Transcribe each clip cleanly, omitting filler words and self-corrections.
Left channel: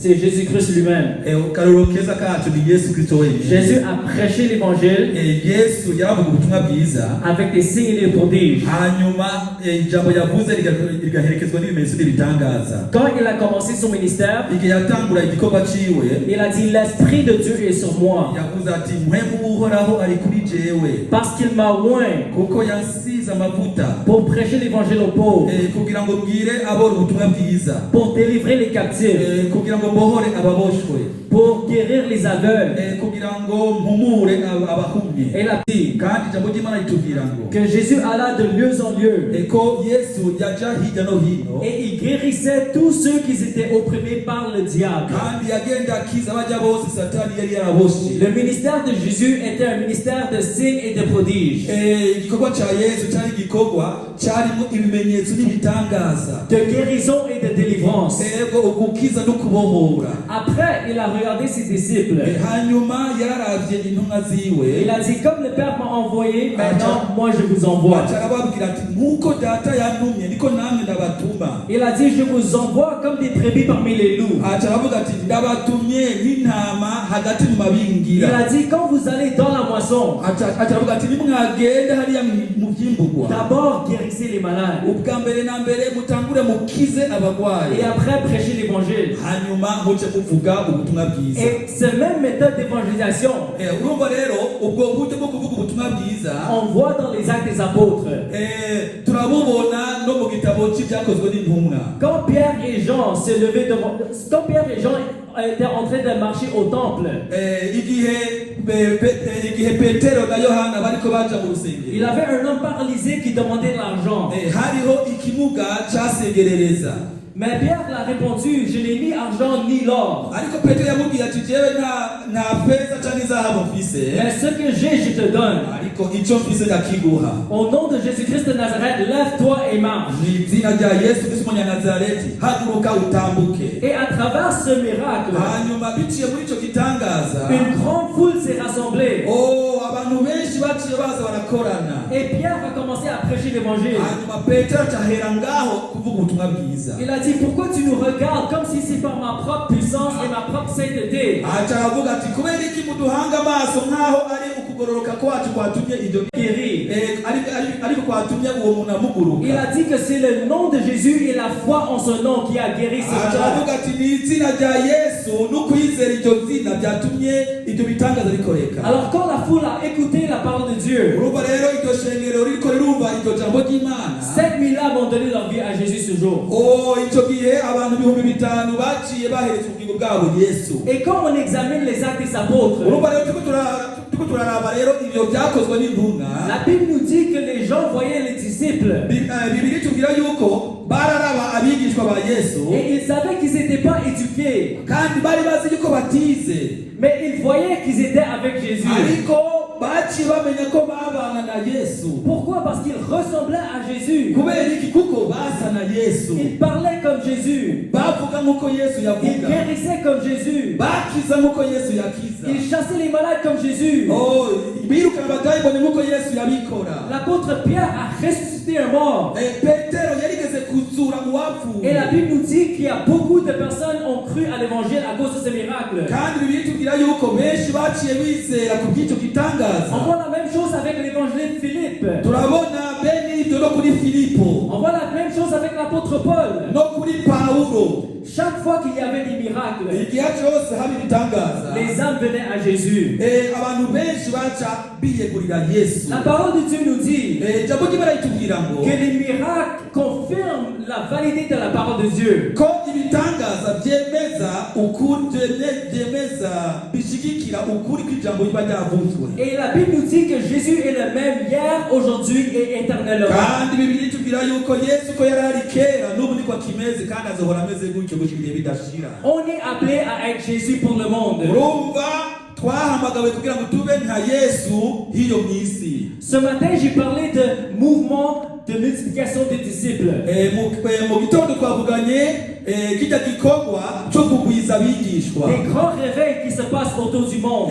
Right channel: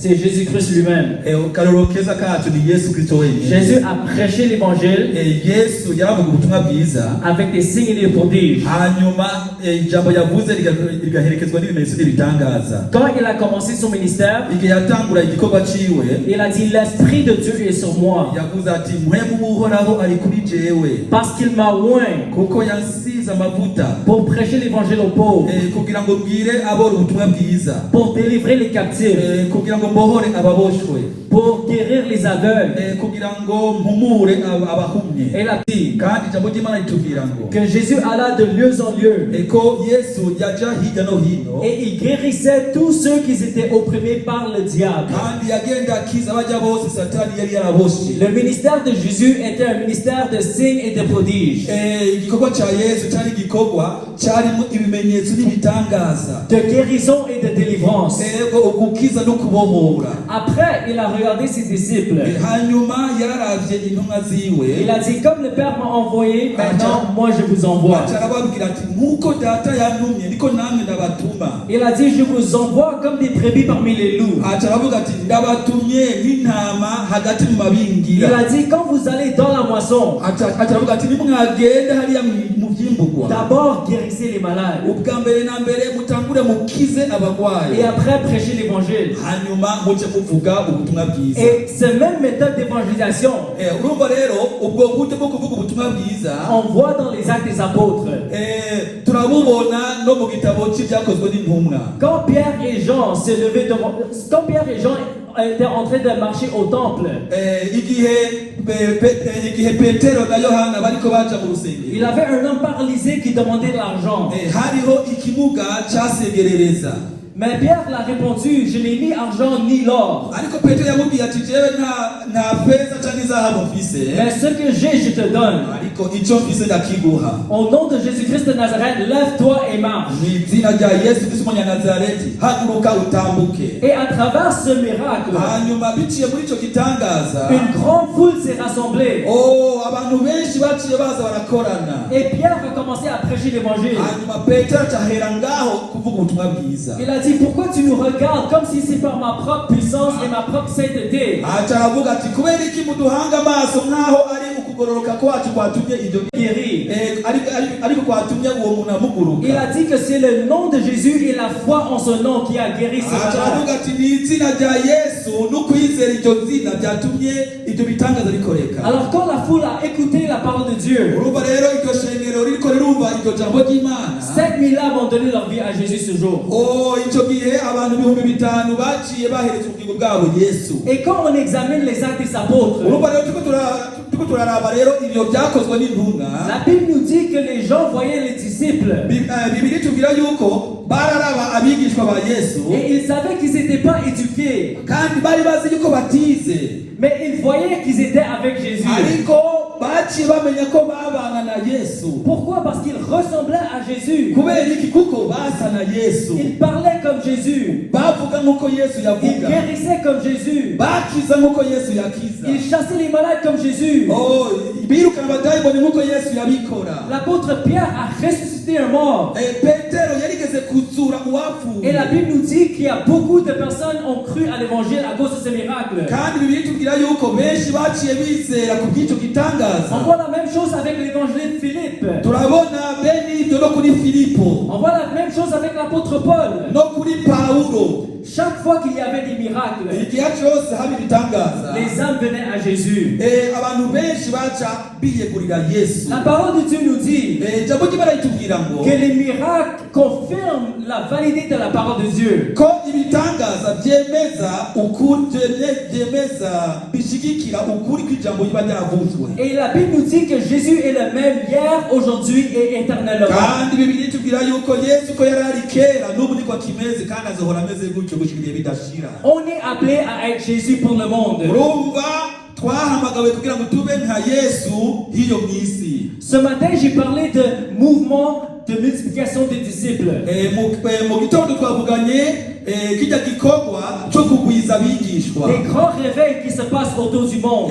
c'est Jésus-Christ lui-même. akarorero keza kacu ni Yesu Kristo wenyine. Jésus a prêché l'évangile Yesu yavuga ubutumwa bwiza avec des signes et des prodiges. hanyuma ijambo yavuze rigaherekezwa n'ibimenyetso n'ibitangaza. Quand il a commencé son ministère, igihe yatangura igikorwa ciwe il a dit l'Esprit de Dieu est sur moi yavuze ati mpwemu w'uhoraho ari kuri jewe parce qu'il m'a oint kuko yansize amavuta pour prêcher l'évangile aux pauvres, kugira ngo mbwire abora ubutumwa bwiza, pour délivrer les captifs, kugira ngo mbohore ababoshwe, pour guérir les aveugles. kugira ngo mpumure abahumye. Elle a dit kandi ijambo ry'Imana ritubwira ngo que Jésus alla de lieu en lieu ko Yesu yaja hirya no hino et il guérissait tous ceux qui étaient opprimés par le diable. kandi yagenda akiza abajya bose satani yari yaraboshe. Le ministère de Jésus était un ministère de signes et de prodiges, igikorwa cya Yesu cyari igikorwa cyarimo ibimenyetso n'ibitangaza, de guérison et de délivrance. ugukiza no kubohora. Après, il a regardé ses disciples. hanyuma yaravye intumwa ziwe, Il a dit, comme le Père m'a envoyé, maintenant moi je vous envoie. arababwira ati nkuko data yantumye niko namwe ndabatuma. Il a dit, je vous envoie comme des brebis parmi les loups. aravuga ati ndabatumye nk'intama hagati mu mabingira. Il a dit, quand vous allez dans la moisson, aravuga ati nimwagende hariya mu byimburwa, d'abord guérissez les malades ubwa mbere na mbere mutangure mukize abagwayi, et après prêchez l'évangile. hanyuma muce muvuga ubutumwa bwiza. Et cette même méthode d'évangélisation, urumva rero ubwo buryo bwo kuvuga ubutumwa bwiza on voit dans les actes des apôtres. turabubona no mu gitabo cy'ibyakozwe n'intumwa. Quand Pierre et Jean se levaient devant, quand Pierre et Jean étaient en train de marcher au temple, igihe Petero na Yohana bariko baja mu rusengero, il avait un homme paralysé qui demandait l'argent. hariho ikimuga cyasegerereza. Mais Pierre l'a répondu, je n'ai ni argent ni l'or. ariko Petero yamubwiye ati jewe nta feza cyangwa izahabu mfise, Mais ce que j'ai, je te donne. ariko icyo mfise ndakiguha. Au nom de Jésus-Christ de Nazareth, lève-toi et marche. mu izina rya Yesu Kristo w'Umunyanazareti, haguruka utambuke. Et à travers ce miracle, hanyuma biciye muri icyo gitangaza, une grande foule s'est rassemblée. abantu benshi baciye baza barakorana. Et Pierre a commencé à prêcher l'évangile. hanyuma Petero acahera ngaho kuvuga ubutumwa bwiza. Il a dit, pourquoi tu nous regardes comme si c'est par ma propre puissance et ma propre sainteté? aravuga ati kubera iki muduhanga amaso nkaho ari ukugororoka kwacu kwatumye ibyo Guéri. ariko kwatumye uwo muntu amuguruka. Il a dit que c'est le nom de Jésus et la foi en son nom qui a guéri ces aravuga malades. ati ni izina rya Yesu no kwizera iryo zina byatumye ibyo bitangaza bikoreka. Alors quand la foule a écouté la parole de Dieu, urumva rero iryo shengero ririko rirumva iryo jambo ry'Imana, 7000 âmes ont donné leur vie à Jésus ce jour. icyo gihe abantu 5000 baciye bahereza ubugingo bwabo Yesu. Et quand on examine les actes des apôtres, urumva rero turiko turaraba rero ibyo byakozwe n'intumwa, la Bible nous dit que les gens voyaient les disciples Bibiri tubwira yuko bararaba abigishwa ba Yesu, et ils savaient qu'ils n'étaient pas éduqués, kandi bari bazi yuko batize, mais ils voyaient qu'ils étaient avec Jésus. ariko baciye bamenya ko babana na Yesu. Pourquoi? Parce qu'ils ressemblaient à Jésus. kubera iki? kuko basa na Yesu, Ils parlaient comme Jésus. bavuga nk'uko Yesu Ils yavuga, guérissaient comme Jésus. bakiza nk'uko Yesu yakiza, Ils chassaient les malades comme Jésus. birukana abadayimoni nk'uko Yesu yabikora. L'apôtre Pierre a ressuscité un mort. Petero yarigeze kuzura mu Et la bapfuye, Bible nous dit qu'il y a beaucoup de personnes qui ont cru à l'évangile à cause de ce miracle. kandi Bibiri tubwira yuko benshi baciye bizera ku bw'icyo On gitangaza. voit la même chose avec l'évangile de Philippe. turabona bene ibyo no kuri Filipo, On voit la même chose avec l'apôtre Paul. no kuri Pawulo. Chaque fois qu'il y avait des miracles, igihe cyose haba ibitangaza, les âmes venaient à Jésus. abantu benshi baca biyegurira Yesu. La parole de Dieu nous dit ijambo ry'Imana ritubwira ngo que les miracles confirment la validité de la parole de Dieu. ko ibitangaza byemeza ukuri, byemeza bishyigikira ukuri kw'ijambo riba ryaravuzwe. Et la Bible nous dit que Jésus est le même hier, aujourd'hui et éternellement. kandi Bibiri itubwira yuko Yesu ko yari ari kera n'ubu niko akimeze kandi azohora ameze gutyo gushira ibihe bidashira. On est appelé à être Jésus pour le monde. urumva twahamagawe kugira ngo tube nka Yesu hiyo mu isi. Ce matin, j'ai parlé de mouvement de multiplication des disciples. mu gitondo twavuganye kijya gikorwa cyo kugwiza abigishwa, Des grands réveils qui se passent autour du monde.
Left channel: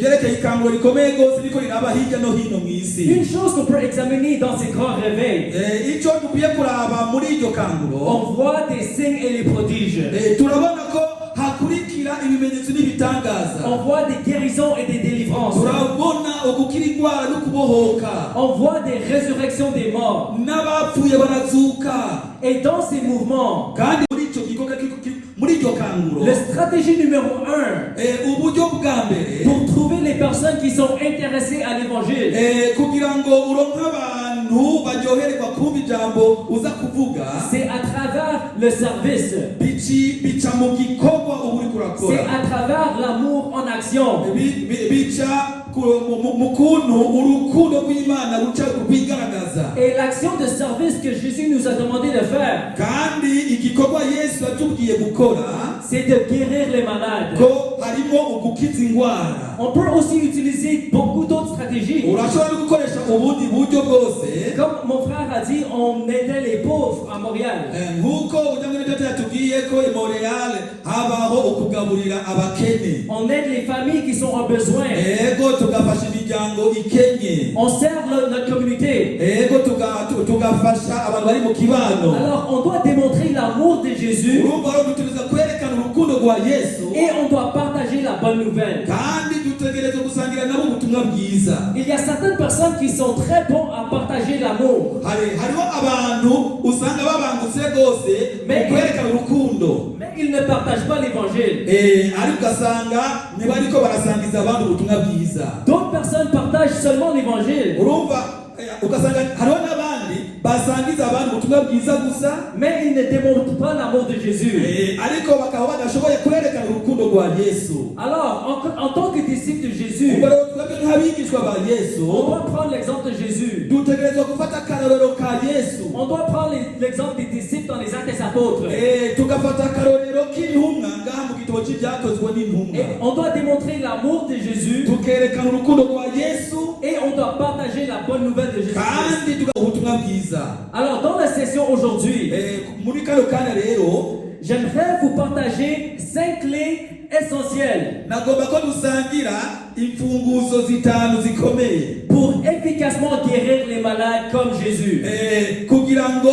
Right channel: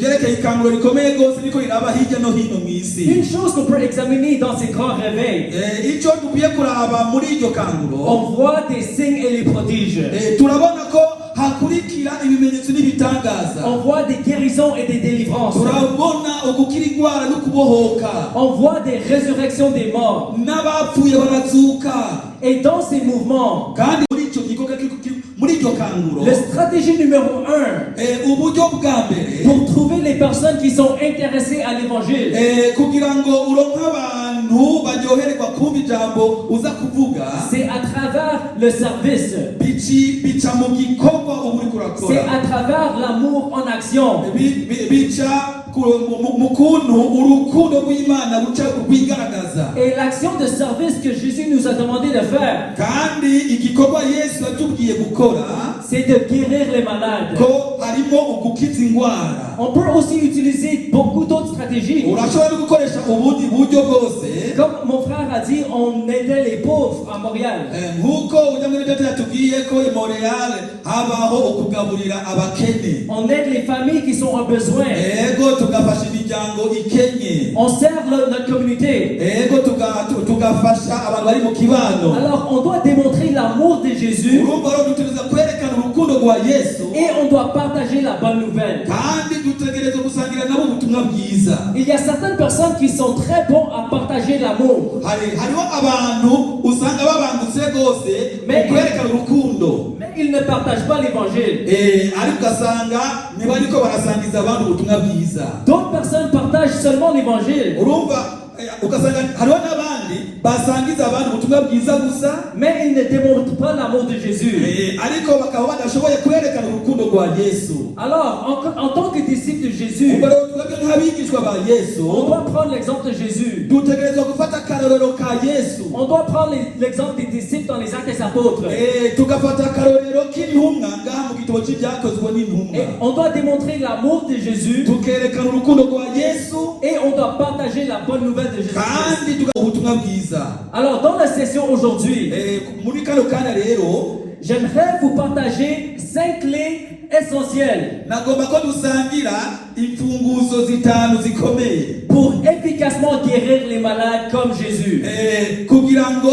ryerekeye ikanguro rikomeye rwose riko riraba hirya no hino mu isi. Une chose qu'on peut examiner dans ces grands réveils, icyo dukwiye kuraba muri iryo kanguro, on voit des signes et les prodiges. turabona ko hakuru On voit des guérisons et des délivrances. turabona ugukira indwara no kubohoka On voit des résurrections des morts. n'abapfuye barazuka Et dans ces mouvements, kandi muri icyo gikorwa muri iryo kanguro la stratégie numéro 1 uburyo bwa mbere pour trouver les personnes qui sont intéressées à l'évangile, kugira ngo uronke abantu baryohererwa kumva ijambo uza kuvuga c'est à travers le service. bica mu gikorwa uba uri C'est kurakora à travers l'amour en action. bica mu kuntu urukundo rw'Imana ruca rwigaragaza. Et l'action de service que Jésus nous a demandé de faire, kandi igikorwa Yesu yatubwiye gukora c'est de guérir les malades. ko harimo ugukiza indwara. On peut aussi utiliser beaucoup d'autres stratégies. urashobora gukoresha ubundi buryo bwose Comme mon frère a dit, on aidait les pauvres à Montréal. nk'uko ujya muri data yatubwiye ko i Montreal habaho ukugaburira abakene. On aide les familles qui sont en besoin. ego tugafasha imiryango ikenye. On sert notre communauté. ego tugafasha abantu bari mu kibano. Alors on doit démontrer l'amour de Jésus urumva rero dutegereza kwerekana urukundo rwa Yesu et on doit partager la bonne nouvelle. kandi dutegereza gusangira nabo ubutumwa bwiza. Il y a certaines personnes qui sont très bons à partager l'amour. hariho abantu usanga babangutse rwose mu kwerekana urukundo Mais ils ne partagent pas l'évangile. ariko ugasanga ntibariko barasangiza abantu ubutumwa bwiza. D'autres personnes partagent seulement l'évangile, urumva ugasanga hariho n'abandi basangiza abantu ubutumwa bwiza gusa mais ils ne démontrent pas l'amour de Jésus. ariko bakaba badashoboye kwerekana urukundo rwa Yesu. Alors, en tant que disciple de Jésus, ubwo rero twebwe nk'abigishwa ba Yesu on doit prendre l'exemple de Jésus. dutegerezwa gufata akarorero ka Yesu. On doit prendre l'exemple des disciples dans les Actes des Apôtres. tugafata akarorero k'intumwa ngaha mu gitabo cy'ibyakozwe Et n'intumwa on doit démontrer l'amour de Jésus tukerekana urukundo rwa Yesu et on doit partager la bonne nouvelle de Jésus. kandi tugaha ubutumwa bwiza. Alors, dans la session aujourd'hui, muri kano kanya rero j'aimerais vous partager 5 clés essentielles nagomba ko dusangira imfunguzo zitanu zikomeye pour efficacement guérir les malades comme Jésus. kugira ngo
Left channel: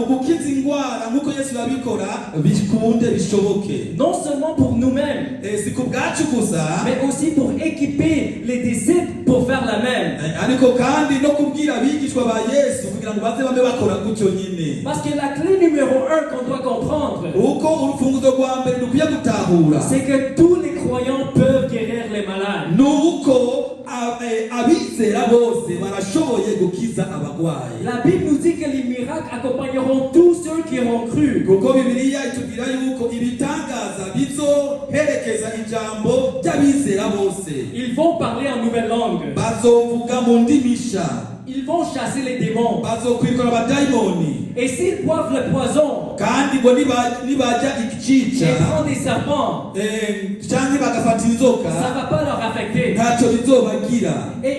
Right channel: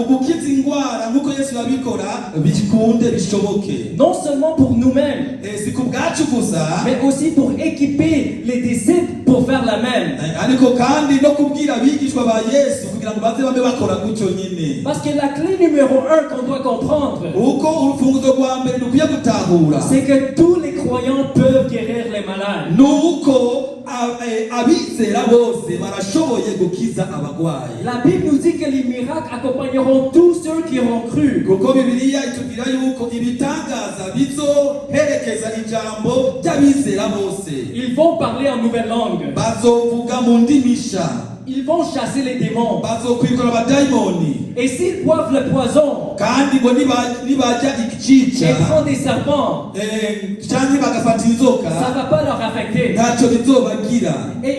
ugukiza indwara nk'uko Yesu yabikora bikunde bishoboke. Non seulement pour nous-mêmes, si ku bwacu gusa mais aussi pour équiper les disciples pour faire la même. ariko kandi no kubwira abigishwa ba Yesu kugira ngo baze babe bakora gutyo nyine. Parce que la clé numéro 1 qu'on doit comprendre, uko urufunguzo rwa mbere dukwiye gutahura c'est que tous les croyants peuvent guérir les malades. ni uko abizera bose barashoboye gukiza abarwayi. La Bible nous dit que les miracles accompagneront tous ceux qui auront cru. kuko Bibiliya itubwira yuko ibitangaza bizoherekeza ijambo ry'abizera bose. Ils vont parler en nouvelle langue. bazovuga mu ndimi nshya. Ils vont chasser les démons. bazokwirukana abadayimoni. Et s'ils boivent le poison kandi ngo nibarya igica et prennent des serpents, cyangwa bagafata inzoka ça ne va pas leur affecter. ntacyo bizobagira. Et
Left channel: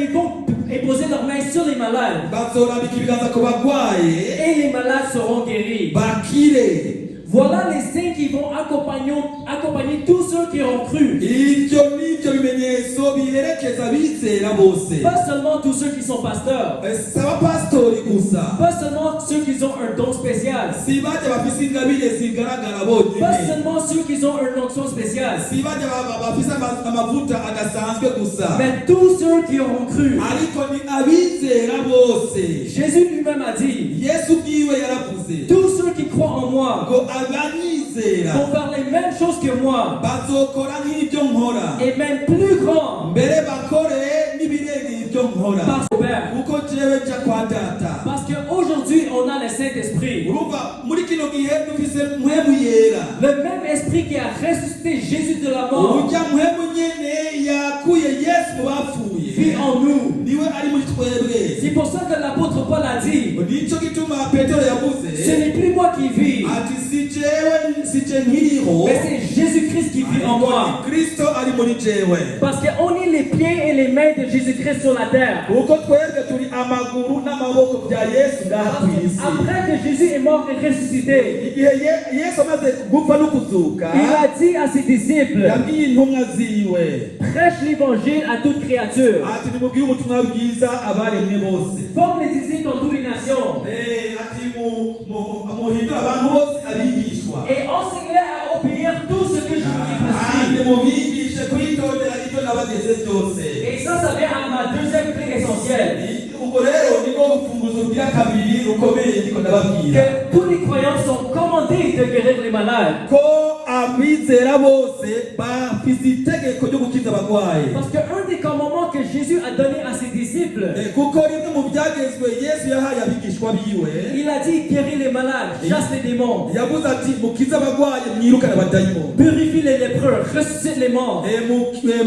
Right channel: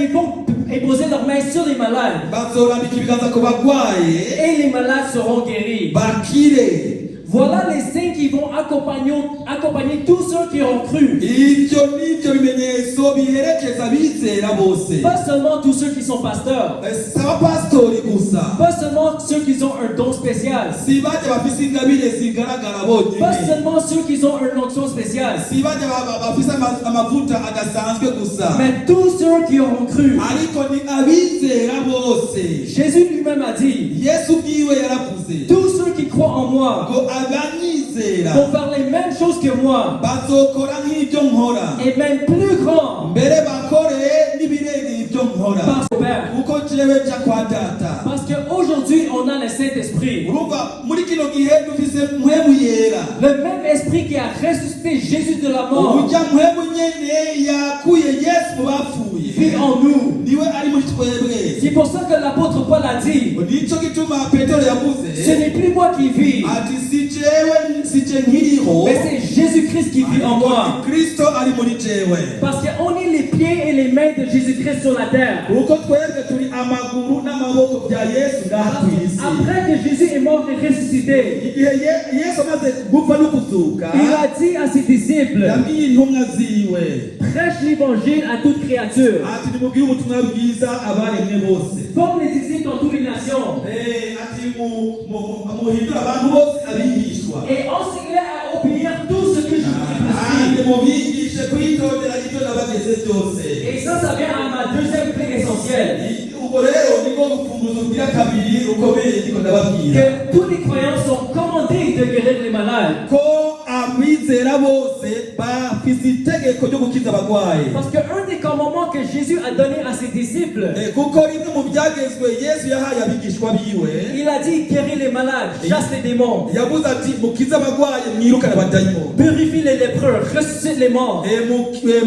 ils vont imposer leurs mains sur les malades. bazorambika ibiganza ku barwaye Et les malades seront guéris. bakire. Voilà les signes qui vont accompagner tous ceux qui ont cru. ibyo nibyo bimenyetso biherekeza abizera bose. Pas seulement tous ceux qui sont pasteurs. si abapasitori gusa. Pas seulement ceux qui ont un don spécial. si bajya bafise ingabire zigaragara bonyine. Pas seulement ceux qui ont une onction spéciale. si bajya bafise amavuta adasanzwe gusa. Mais tous ceux qui auront cru. ariko ni abizera bose. Jésus lui-même a dit, Yesu bwiwe yaravuze tous ceux qui croient en moi ngo abanyizera vont faire les mêmes choses que moi, bazokora nk'ibyo nkora et même plus grand, mbere bakore n'ibirenga ibyo nkora par son Père. kuko jewe nja kwa data. Parce qu'aujourd'hui, on a le Saint-Esprit. urumva muri kino gihe dufise mpwemu yera. Le même esprit qui a ressuscité Jésus de la mort urya mpwemu nyene yakuye Yesu mu bapfuye vit en nous. niwe ari muri twebwe. C'est pour ça que l'apôtre Paul a dit, nico gituma Petero yavuze ce n'est plus moi qui vis, ati si je nkiriho mais c'est Jésus-Christ qui vit en moi. Kristo ari muri jewe. Parce qu'on est les pieds et les mains de Jésus-Christ sur la terre. kuko twebwe turi amaguru n'amaboko bya Yesu ngaha ku isi. Après que Jésus est mort et ressuscité, igihe Yesu amaze gupfa no kuzuka il a dit à ses disciples, yabwiye intumwa ziwe prêche l'évangile à toute créature. ati nimubwire ubutumwa bwiza abaremwe bose. Forme les disciples dans toutes les nations. ati muhindure abantu bose abigishwa. Et enseignez à obéir tout ce que je vous ai prescrit. nimubigishe kwitondera ibyo nabageze byose. Et ça vient à ma deuxième clé essentielle. Ubwo rero niko gufunguza ubwira kabiri rukomeye niko ndababwira. Que tous les croyants sont commandés de guérir les malades. Ko abizera bose bafite itegeko ryo gukiza abarwayi. Parce qu'un des commandements que Jésus a donné à ses disciples, kuko rimwe mu byagezwe Yesu yahaye abigishwa biwe, il a dit guéris les malades, chasse les démons, yavuze ati mukize abarwayi mwirukane abadayimoni, purifie les lépreux, ressuscite les morts.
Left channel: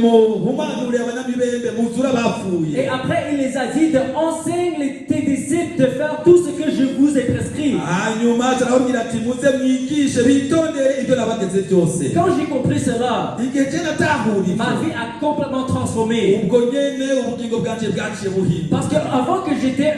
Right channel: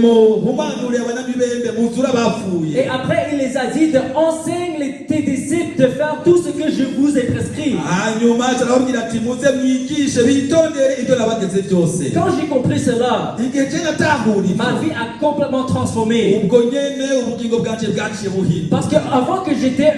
muhumanure abanamibembe muzura abapfuye. Et après il les a dit de enseigner tes disciples de faire tout ce que je vous ai prescrit. hanyuma arababwira ati muze mwigishe bitondere ibyo nabageze byose. Quand j'ai compris cela, igihe cye natahuriye ma vie a complètement transformé. ubwo nyene ubugingo bwanje bwaciye buhinduka. Parce qu'avant que j'étais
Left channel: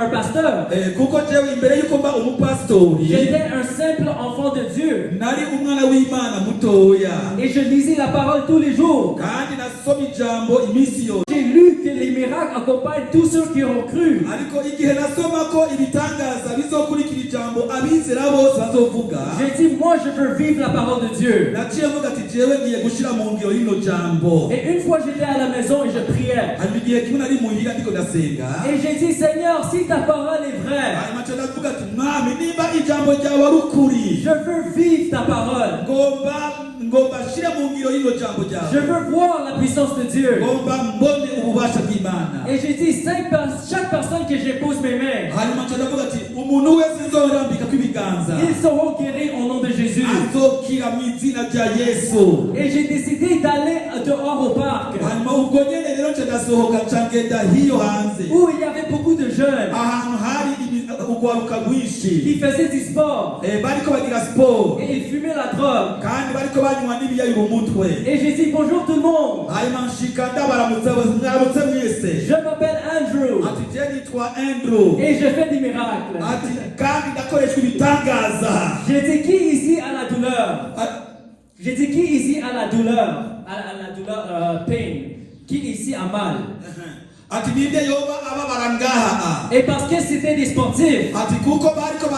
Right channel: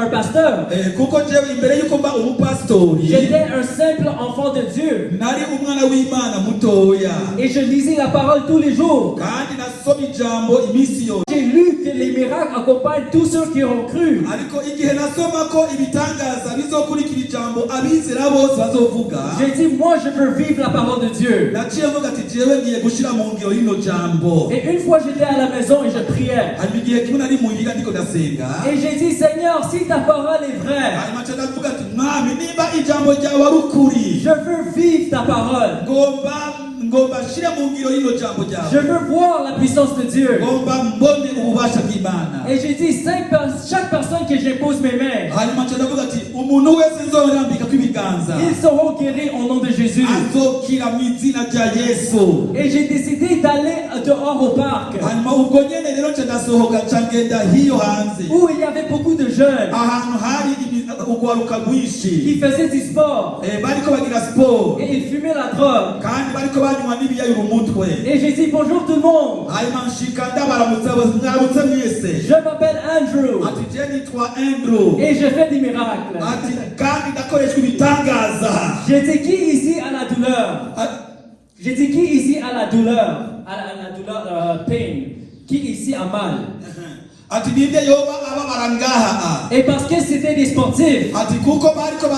un pasteur, kuko jewe imbere yuko mba umupasitori j'étais un simple enfant de Dieu. nari umwana w'Imana mutoya, Et je lisais la parole tous les jours. kandi nasoma ijambo iminsi yose. J'ai lu que les miracles accompagnent tous ceux qui ont cru. ariko igihe nasoma ko ibitangaza bizokurikira ijambo abizera bose bazovuga, J'ai dit, moi je veux vivre la parole de Dieu. naciye mvuga ati jewe ngiye gushira mu ngiro rino jambo. Et une fois j'étais à la maison et je priais. hanyuma igihe kimwe nari muhira ndiko ndasenga, Et j'ai dit, Seigneur, si ta parole est vraie, hanyuma nca ndavuga ati mwami nimba ijambo ryawe ari ukuri, je veux vivre ta parole. ngomba shira mu ngiro rino jambo Je ryawe, veux voir la puissance de Dieu. ngomba mbone ububasha bw'Imana. Et j'ai dit, chaque personne que j'épose mes mains, hanyuma nca ndavuga ati umuntu wese nzorambika kw'ibiganza ils seront guéris au nom de Jésus. azokira mu izina rya Yesu. Et j'ai décidé d'aller dehors au parc, hanyuma ubwo nyene rero nca ndasohoka nca ngenda hiyo hanze, où il y avait beaucoup de jeunes ahantu hari urwaruka rwinshi qui faisaient du sport. bariko bagira siporo, Et ils fumaient la drogue. kandi bariko banywa n'ibiyayura umutwe. Et j'ai dit, bonjour tout le monde. hanyuma nshika ndabaramutsa mwaramutse mwese, Je m'appelle Andrew. ati je nitwa Andrew, Et je fais des miracles. ati kandi ndakoreshwa ibitangaza. J'ai dit, qui ici a la douleur? J'ai dit, qui ici a la douleur? A la douleur, pain. Qui ici a mal? ati ninde yoba ababara ngaha. Et parce que c'était des sportifs, ati kuko bariko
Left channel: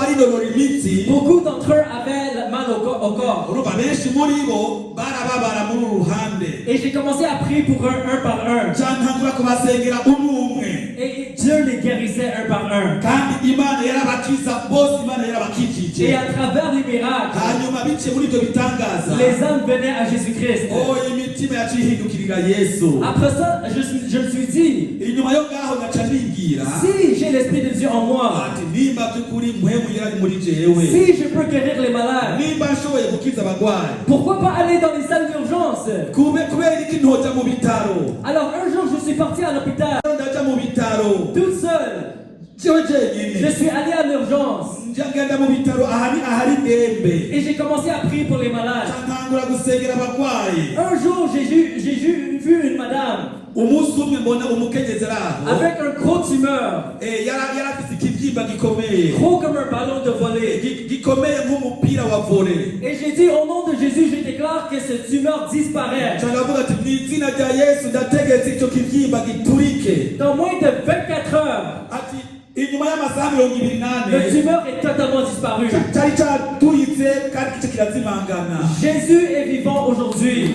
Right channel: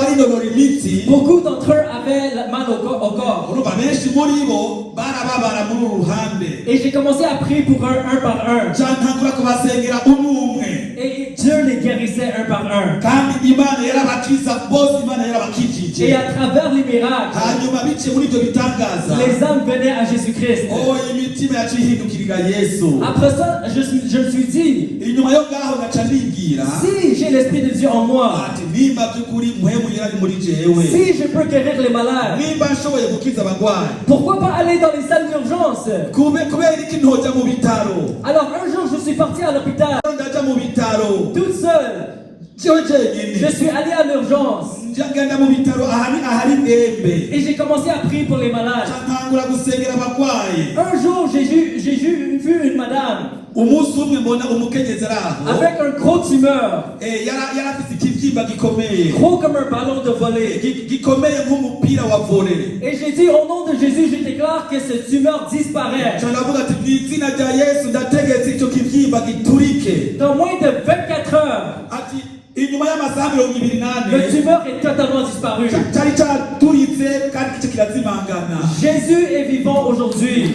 barinonora imitsi, beaucoup d'entre eux avaient mal au corps. urumva benshi muri bo barababara muri uru ruhande. Et j'ai commencé à prier pour eux un par un. cyantangura kubasengera umwe, Et Dieu les guérissait un par un. kandi Imana yarabakiza bose, Imana Et yarabakijije. à travers les miracles, hanyuma biciye muri ibyo bitangaza, les âmes venaient à Jésus-Christ. imitima yaciye ihindukirira Yesu. Après ça, je me suis dit, inyuma yo ngaho naca nibwira si j'ai l'Esprit de Dieu en moi, ati nimba by'ukuri mpwemu yari muri jewe, si je peux guérir les malades, nimba nshoboye gukiza abarwayi, pourquoi pas aller dans les salles d'urgence? kubera iki ntoja mu bitaro? Alors un jour, je suis parti à l'hôpital, ndaja mu bitaro toute seule. jewe jenyine, Je suis allé à l'urgence ngenda mu bitaro ahari ndembe, et j'ai commencé à prier pour les malades. ntangura gusengera abarwayi. Un jour, j'ai vu une madame umunsi umwe mbona umukenyezi araho, avec un gros tumeur, yari afite ikibyimba gikomeye, gros comme un ballon de volée. gikomeye nk'umupira wa volley. Et j'ai dit, au nom de Jésus, je déclare que ce tumeur disparaît. ndavuga ati mu izina rya Yesu ndategetse icyo kibyimba giturike. Dans moins de 24 heures, ati inyuma y'amasaha 28 le tumeur est totalement disparu. cyari cyaraturitse kandi icyo kirazimangana. Jésus est vivant aujourd'hui.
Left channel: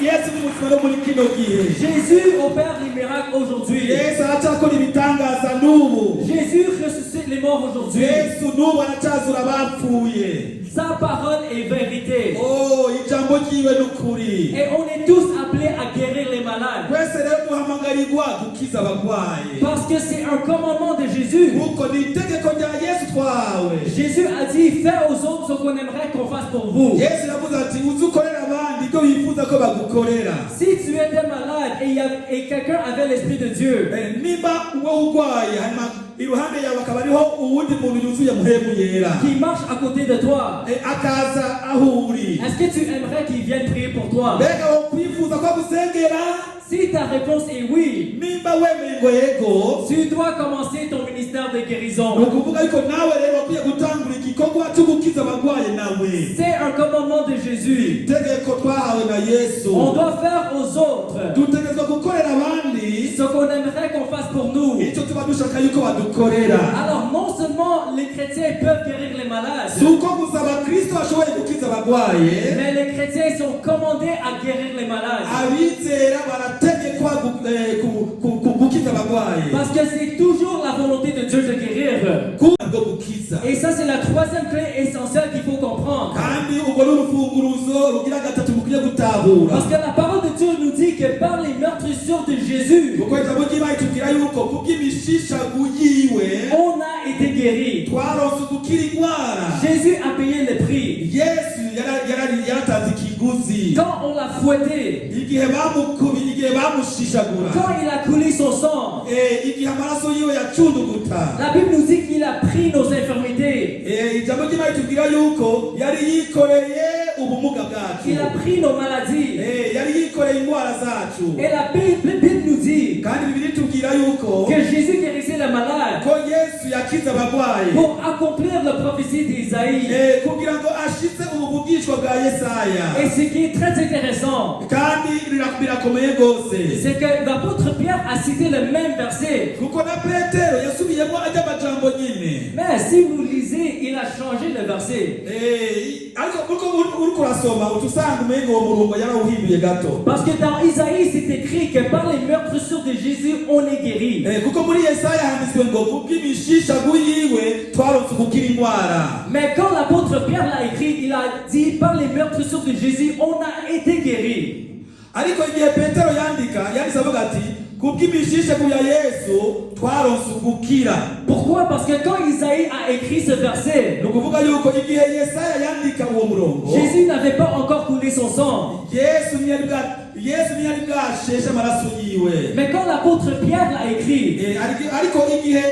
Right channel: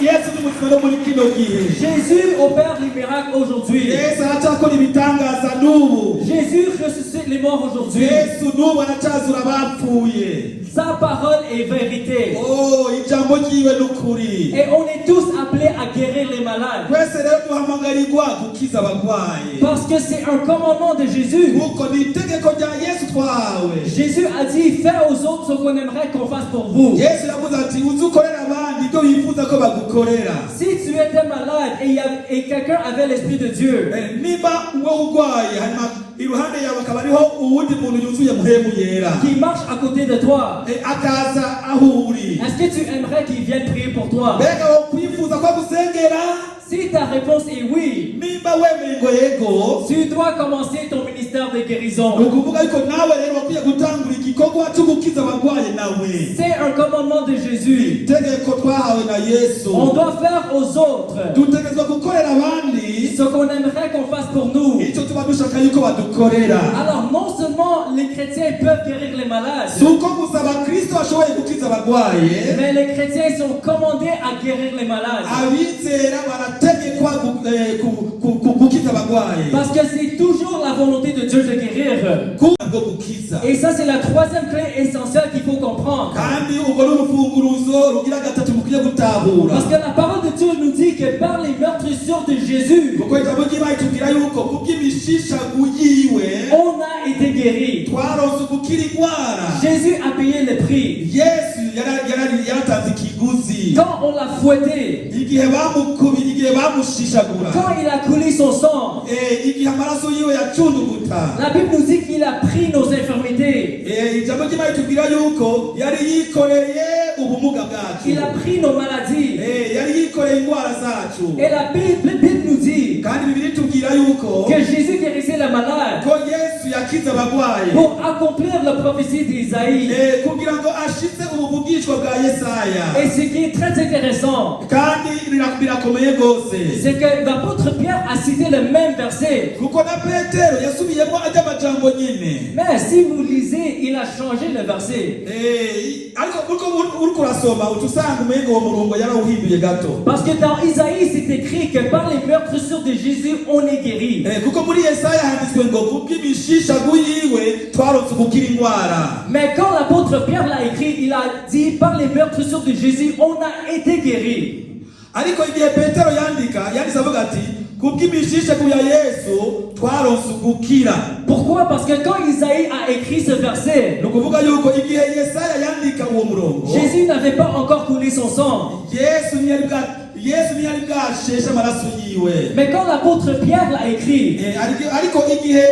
Yesu ni muzima no muri kino gihe. Jésus opère les miracles aujourd'hui. Yesu aracyakora ibitangaza n'ubu. Jésus ressuscite les morts aujourd'hui. Yesu n'ubu aracyazura abapfuye. Sa parole est vérité. ijambo ryiwe n'ukuri. Et on est tous appelés à guérir les malades. twese rero duhamagarirwa gukiza abarwayi, Parce que c'est un commandement de Jésus. kuko ni itegeko rya Yesu twahawe. Jésus a dit, fais aux autres ce qu'on aimerait qu'on fasse pour vous. Yesu yavuze ati uzi ukorera abandi ibyo wifuza ko bagukorera. Si tu étais malade et quelqu'un avait l'Esprit de Dieu, nimba wowe urwaye hanyuma iruhande yawe akaba ariho uwundi muntu yuzuye mpemu yera, qui marche à côté de toi, akaza aho uri, est-ce que tu aimerais qu'il vienne prier pour toi? mbega wokwifuza ko agusengera? Si ta réponse est oui, nimba wemeye ngo yego, tu dois commencer ton ministère de ni guérison. ukuvuga ariko nawe rero wakwiye gutangura igikorwa cyo gukiza abarwayi nawe. C'est un commandement de Jésus. itegeko twahawe na Yesu. On doit faire aux autres dutegerezwa gukorera abandi ce qu'on aimerait qu'on fasse pour nous. icyo tuba dushaka yuko badukorera. Alors non seulement les chrétiens peuvent guérir les malades, si uko gusa abakristo bashoboye gukiza abagwaye, mais les chrétiens sont commandés à guérir les malades. abizera barategekwa gukiza abagwaye. Parce que c'est toujours la volonté de Dieu de guérir. Bwo gukiza. Et ça, c'est la troisième clé essentielle qu'il faut comprendre. Kandi ubwo n'urufunguruzo rugira gatatu mukwiye gutahura. Parce que la parole de Dieu nous dit que par les meurtrissures de Jésus, Kuko ijambo ry'Imana ritubwira yuko kubw'imishishagu yiwe on a été guéri. twaronse gukira indwara. Jésus a payé le prix. Yesu yaratanze ikiguzi. Quand on l'a fouetté, Igihe bamukubira, igihe bamushishagura, quand il a coulé son sang, igihe amaraso yiwe yacunduguta, la Bible nous dit qu'il a pris nos infirmités. ijambo ry'Imana ritubwira yuko yari yikoreye ubumuga bwacu, Il a pris nos maladies. yari yikoreye indwara zacu. Et la Bible nous dit Kandi Bibiliya itubwira yuko que Jésus guérissait les malades ko Yesu yakiza abagwayi pour accomplir la prophétie d'Isaïe. kugira ngo ashitse ubuvugishwa bwa Yesaya. Et ce qui est très intéressant, Kandi birakomeye gose, c'est que l'apôtre Pierre a cité le même verset. kuko na Petero yasubiyemo ajya amajambo nyine. Mais si vous lisez, il a changé le verset. Ariko uko uri kurasoma utusanga umengo uwo murongo yarawuhinduye gato. Parce que dans Isaïe, c'est écrit que par les meurtrissures de Jésus, on est guéri. Kuko muri Yesaya handitswe ngo kubw'imishishagu yiwe twaronse gukira indwara. Mais quand l'apôtre Pierre l'a écrit, il a dit par les meurtrissures de Jésus, on a été guéri. Ariko igihe Petero yanditse avuga ati kubw'imishishagu ya Yesu twaronse gukira. Pourquoi? Parce que quand Isaïe a écrit ce verset, Ni ukuvuga yuko igihe Yesaya yandika uwo murongo, Jésus n'avait pas encore coulé son sang. Yesu ntiyari bwasheshe amaraso yiwe. Mais quand l'apôtre Pierre l'a écrit, Ariko igihe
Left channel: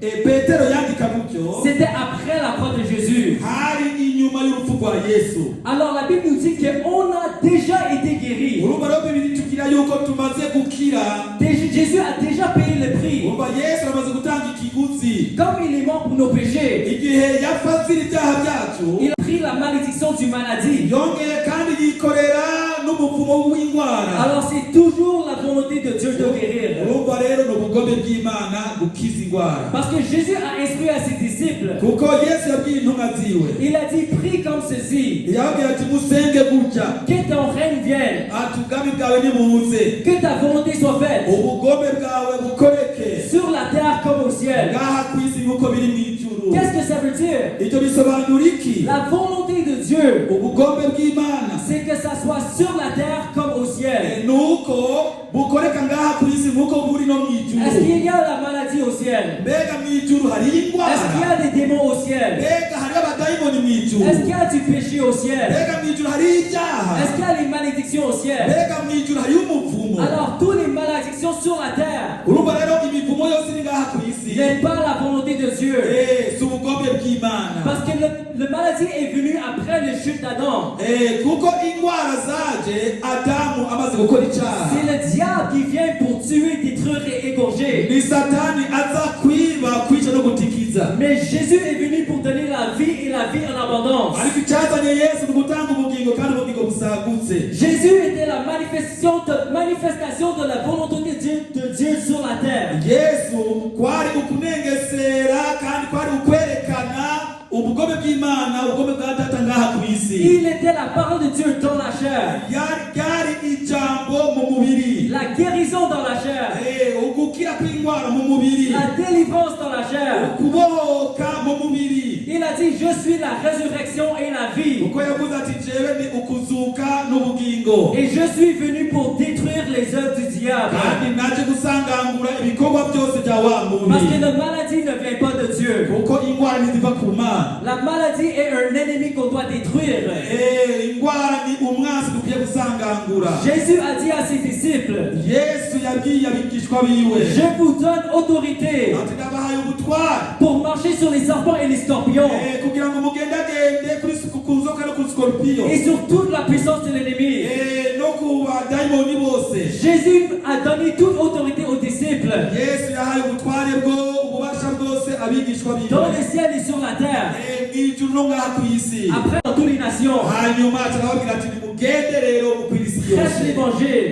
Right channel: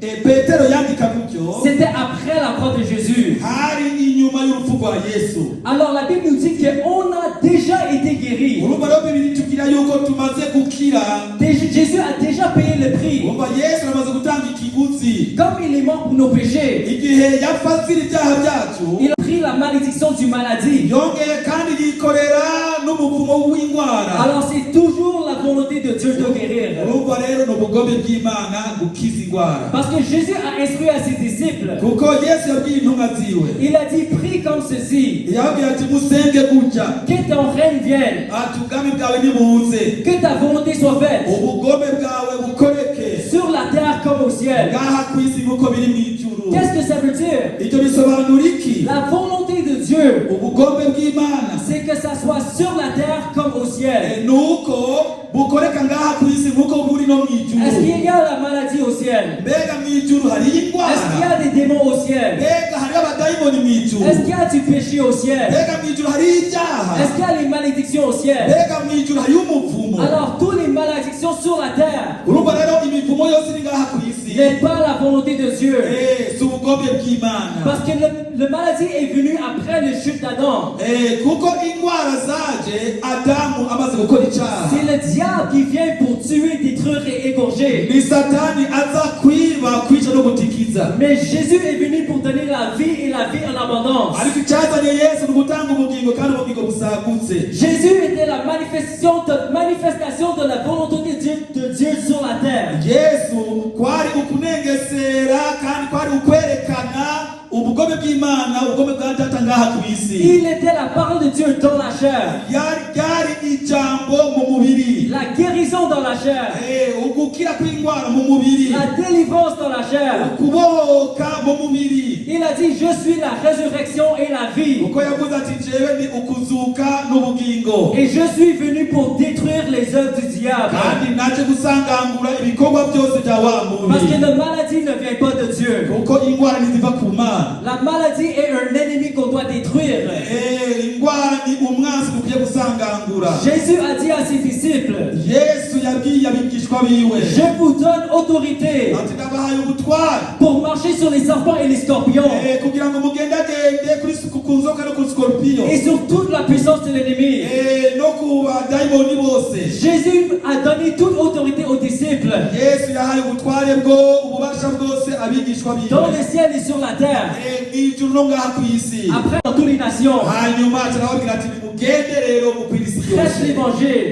Petero yandika gutyo, c'était après la croix de Jésus. hari inyuma y'urupfu rwa Yesu. Alors la Bible nous dit qu'on a déjà été guéri. Urumva rero Bibiliya itubwira yuko tumaze gukira. Jésus a déjà payé le prix. Urumva Yesu amaze gutanga ikiguzi. Comme il est mort pour nos péchés, Igihe yapfira ibyaha byacu, il a pris la malédiction du maladie. yongeye kandi yikorera n'umuvumo w'indwara. Alors c'est toujours la volonté de Dieu de guérir. Urumva rero ni ubugome bw'Imana gukiza indwara. Parce que Jésus a instruit à ses disciples. Kuko Yesu yabwiye intumwa ziwe, Il a dit, prie comme ceci, yababwiye ati musenge gutya, que ton règne vienne, ati ubwami bwawe nibuze, que ta volonté soit faite, ubugome bwawe bukoreke sur la terre comme au ciel. ngaha ku isi nk'uko biri mu ijuru. Qu'est-ce que ça veut dire? Icyo bisobanura iki? La volonté de Dieu, Ubugome bw'Imana c'est que ça soit sur la terre comme au ciel. nuko bukoreka ngaha ku isi nk'uko buri no mu Est-ce ijuru. qu'il y a la maladie au ciel? Mbega mu ijuru hari Est-ce qu'il y indwara? a des démons au ciel? Mbega hari abadayimoni mu ijuru? Est-ce qu'il y a du péché au ciel? Mbega mu ijuru hari ibyaha? Est-ce qu'il y a les malédictions au ciel? Mbega mu ijuru hari umuvumo? Alors, toutes les malédictions sur la terre Urumva rero imivumo yose iri ngaha ku isi n'est pas la volonté de Dieu. si ubugome bw'Imana. Parce que le maladie est venue après le chute d'Adam. Kuko indwara zaje Adamu amaze gukora icyaha. C'est le diable qui vient pour tuer, détruire et égorger. Ni Satani aza kwiba, kwica no gutikiza. Mais Jésus est venu pour donner la vie et la vie en abondance. Ariko icyazanye Yesu ni ugutanga ubugingo kandi ubugingo busagutse. Jésus était la manifestation de la volonté de Dieu sur la terre. Yesu kwari ukunengesera kandi kwari ukwerekana ubugome bw'Imana, ubugome bwa Data ngaha ku isi. Il était la parole de Dieu dans la chair. Ryari ijambo mu mubiri. La guérison dans la chair. Ugukira kw'indwara mu mubiri. La délivrance dans la chair. Kubohoka mu mubiri. Il a dit, je suis la résurrection et la vie. Uko yavuze ati jewe ni ukuzuka n'ubugingo. Et je suis venu pour détruire les œuvres du diable. Kandi naje gusangangura ibikorwa byose bya wa Parce que muntu. la maladie ne vient pas de Dieu. Kuko indwara ntiziva ku Mana. La maladie est un ennemi qu'on doit détruire. Indwara ni umwanzi dukwiye gusangangura. Jésus a dit à ses disciples, Yesu yabwiye abigishwa biwe je vous donne autorité ati ndabahaye ubutware pour marcher sur les serpents et les scorpions kugira ngo mugendagende ku nzoka no ku skorpiyo et sur toute la puissance de l'ennemi. no ku badayimoni bose. Jésus a donné toute autorité aux disciples Yesu yahaye ubutware bwo ububasha bwose abigishwa dans biwe le ciel et sur la terre. mw'ijuru no ngaha ku isi. Après, dans toutes les nations, Hanyuma turababwira ati mugende rero mu kwisi yose. faites l'évangile,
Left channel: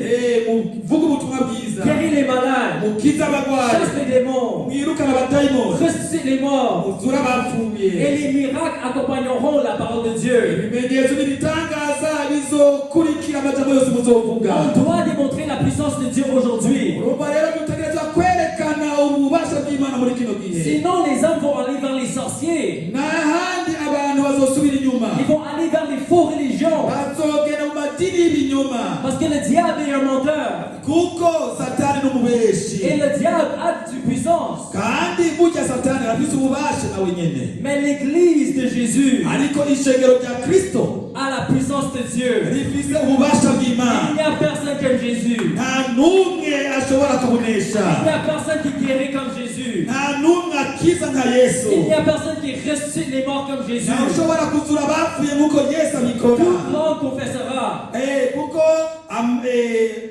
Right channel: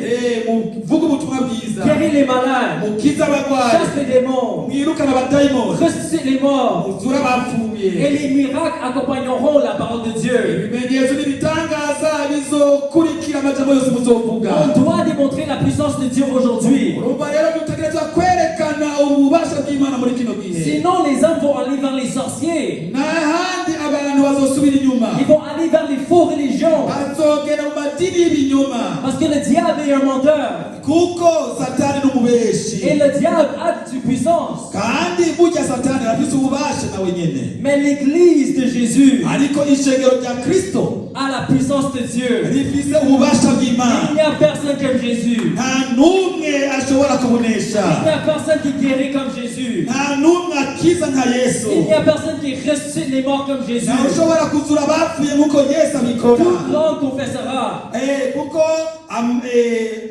muvuge ubutumwa bwiza, guéris les malades, mukize abarwayi, chasse les démons, mwirukane abadayimoni, ressuscite les morts, muzure abapfuye. et les miracles accompagneront la parole de Dieu. Ibimenyetso n'ibitangaza bizokurikira amajambo yose muzovuga. On doit démontrer la puissance de Dieu aujourd'hui. Urumva rero dutegereza kwerekana ububasha bw'Imana muri kino gihe. Sinon, les hommes vont aller vers les sorciers. N'ahandi abantu bazosubira inyuma. Ils vont aller vers les faux religions. Bazogera mu madini y'ibinyoma. Parce que le diable est un menteur. Kuko Satani n'umubeshi. Et le diable a de puissance. Kandi burya Satani afite ububasha nawe nyene. Mais l'église de Jésus Ariko ishengero rya Kristo a la puissance de Dieu. rifise ububasha bw'Imana. Il n'y a personne comme Jésus. Nta n'umwe ashobora Il kubonesha. n'y a personne qui guérit comme Jésus. Nta n'umwe akiza nka Yesu. Il n'y a personne qui ressuscite les morts comme Jésus. Nta ushobora kuzura abapfuye nk'uko Yesu abikora. Tout monde confessera. Kuko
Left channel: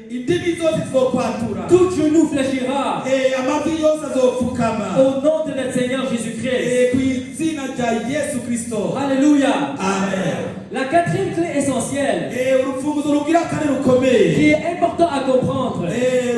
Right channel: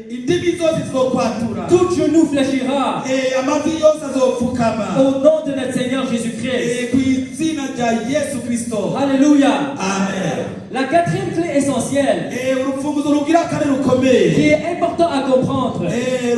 indimi zose zizokwatura. Tout genou fléchira Amavi yose azopfukama au nom de notre Seigneur Jésus-Christ. ku izina rya Yesu Kristo. Alléluia. Amen. La quatrième clé essentielle Urufunguzo rugira kane rukomeye, qui est important à comprendre,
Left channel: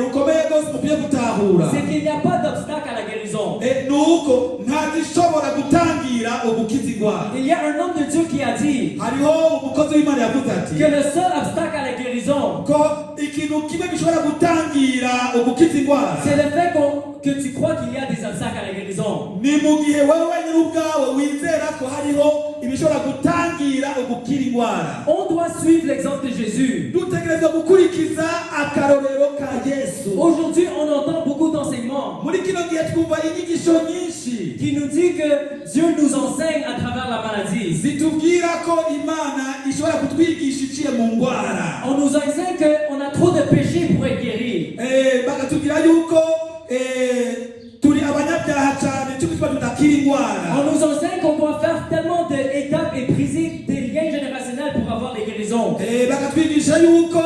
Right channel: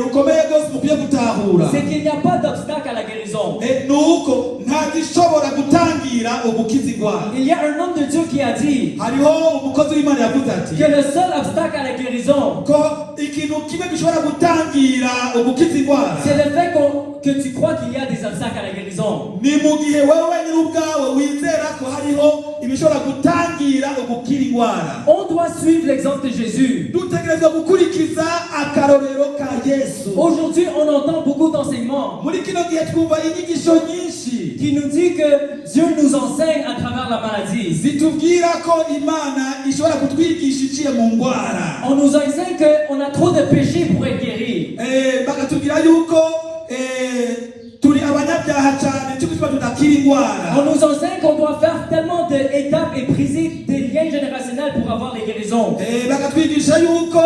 rukomeye rwose mukwiye gutahura, c'est qu'il n'y a pas d'obstacle à la guérison. nuko ntazishobora gutangira ubukizigwa. Il y a un homme de Dieu qui a dit Hariho umukozi w'Imana yavuze ati que le seul obstacle à la guérison, ko ikintu kimwe gishobora gutangira ubukizigwa c'est le fait que tu crois qu'il y a des obstacles à la guérison. ni mu gihe wowe nyine ubwawe wizera ko hariho ibishobora gutangira ubukira indwara. On doit suivre l'exemple de Jésus. Dutegerezwa gukurikiza akarorero ka Yesu. Aujourd'hui, on entend beaucoup d'enseignements Muri kino gihe twumva inyigisho nyinshi qui nous dit que Dieu nous enseigne à travers la maladie. zitubwira ko Imana ishobora kutwigisha iciye mu ndwara. On nous enseigne qu'on a trop de péchés pour être guéri. Bakatubwira yuko turi abanyabyaha cyane cy'uko tudakira indwara. On nous enseigne qu'on doit faire tellement d'étapes et briser des liens générationnels pour avoir des guérisons. Bakatwigisha yuko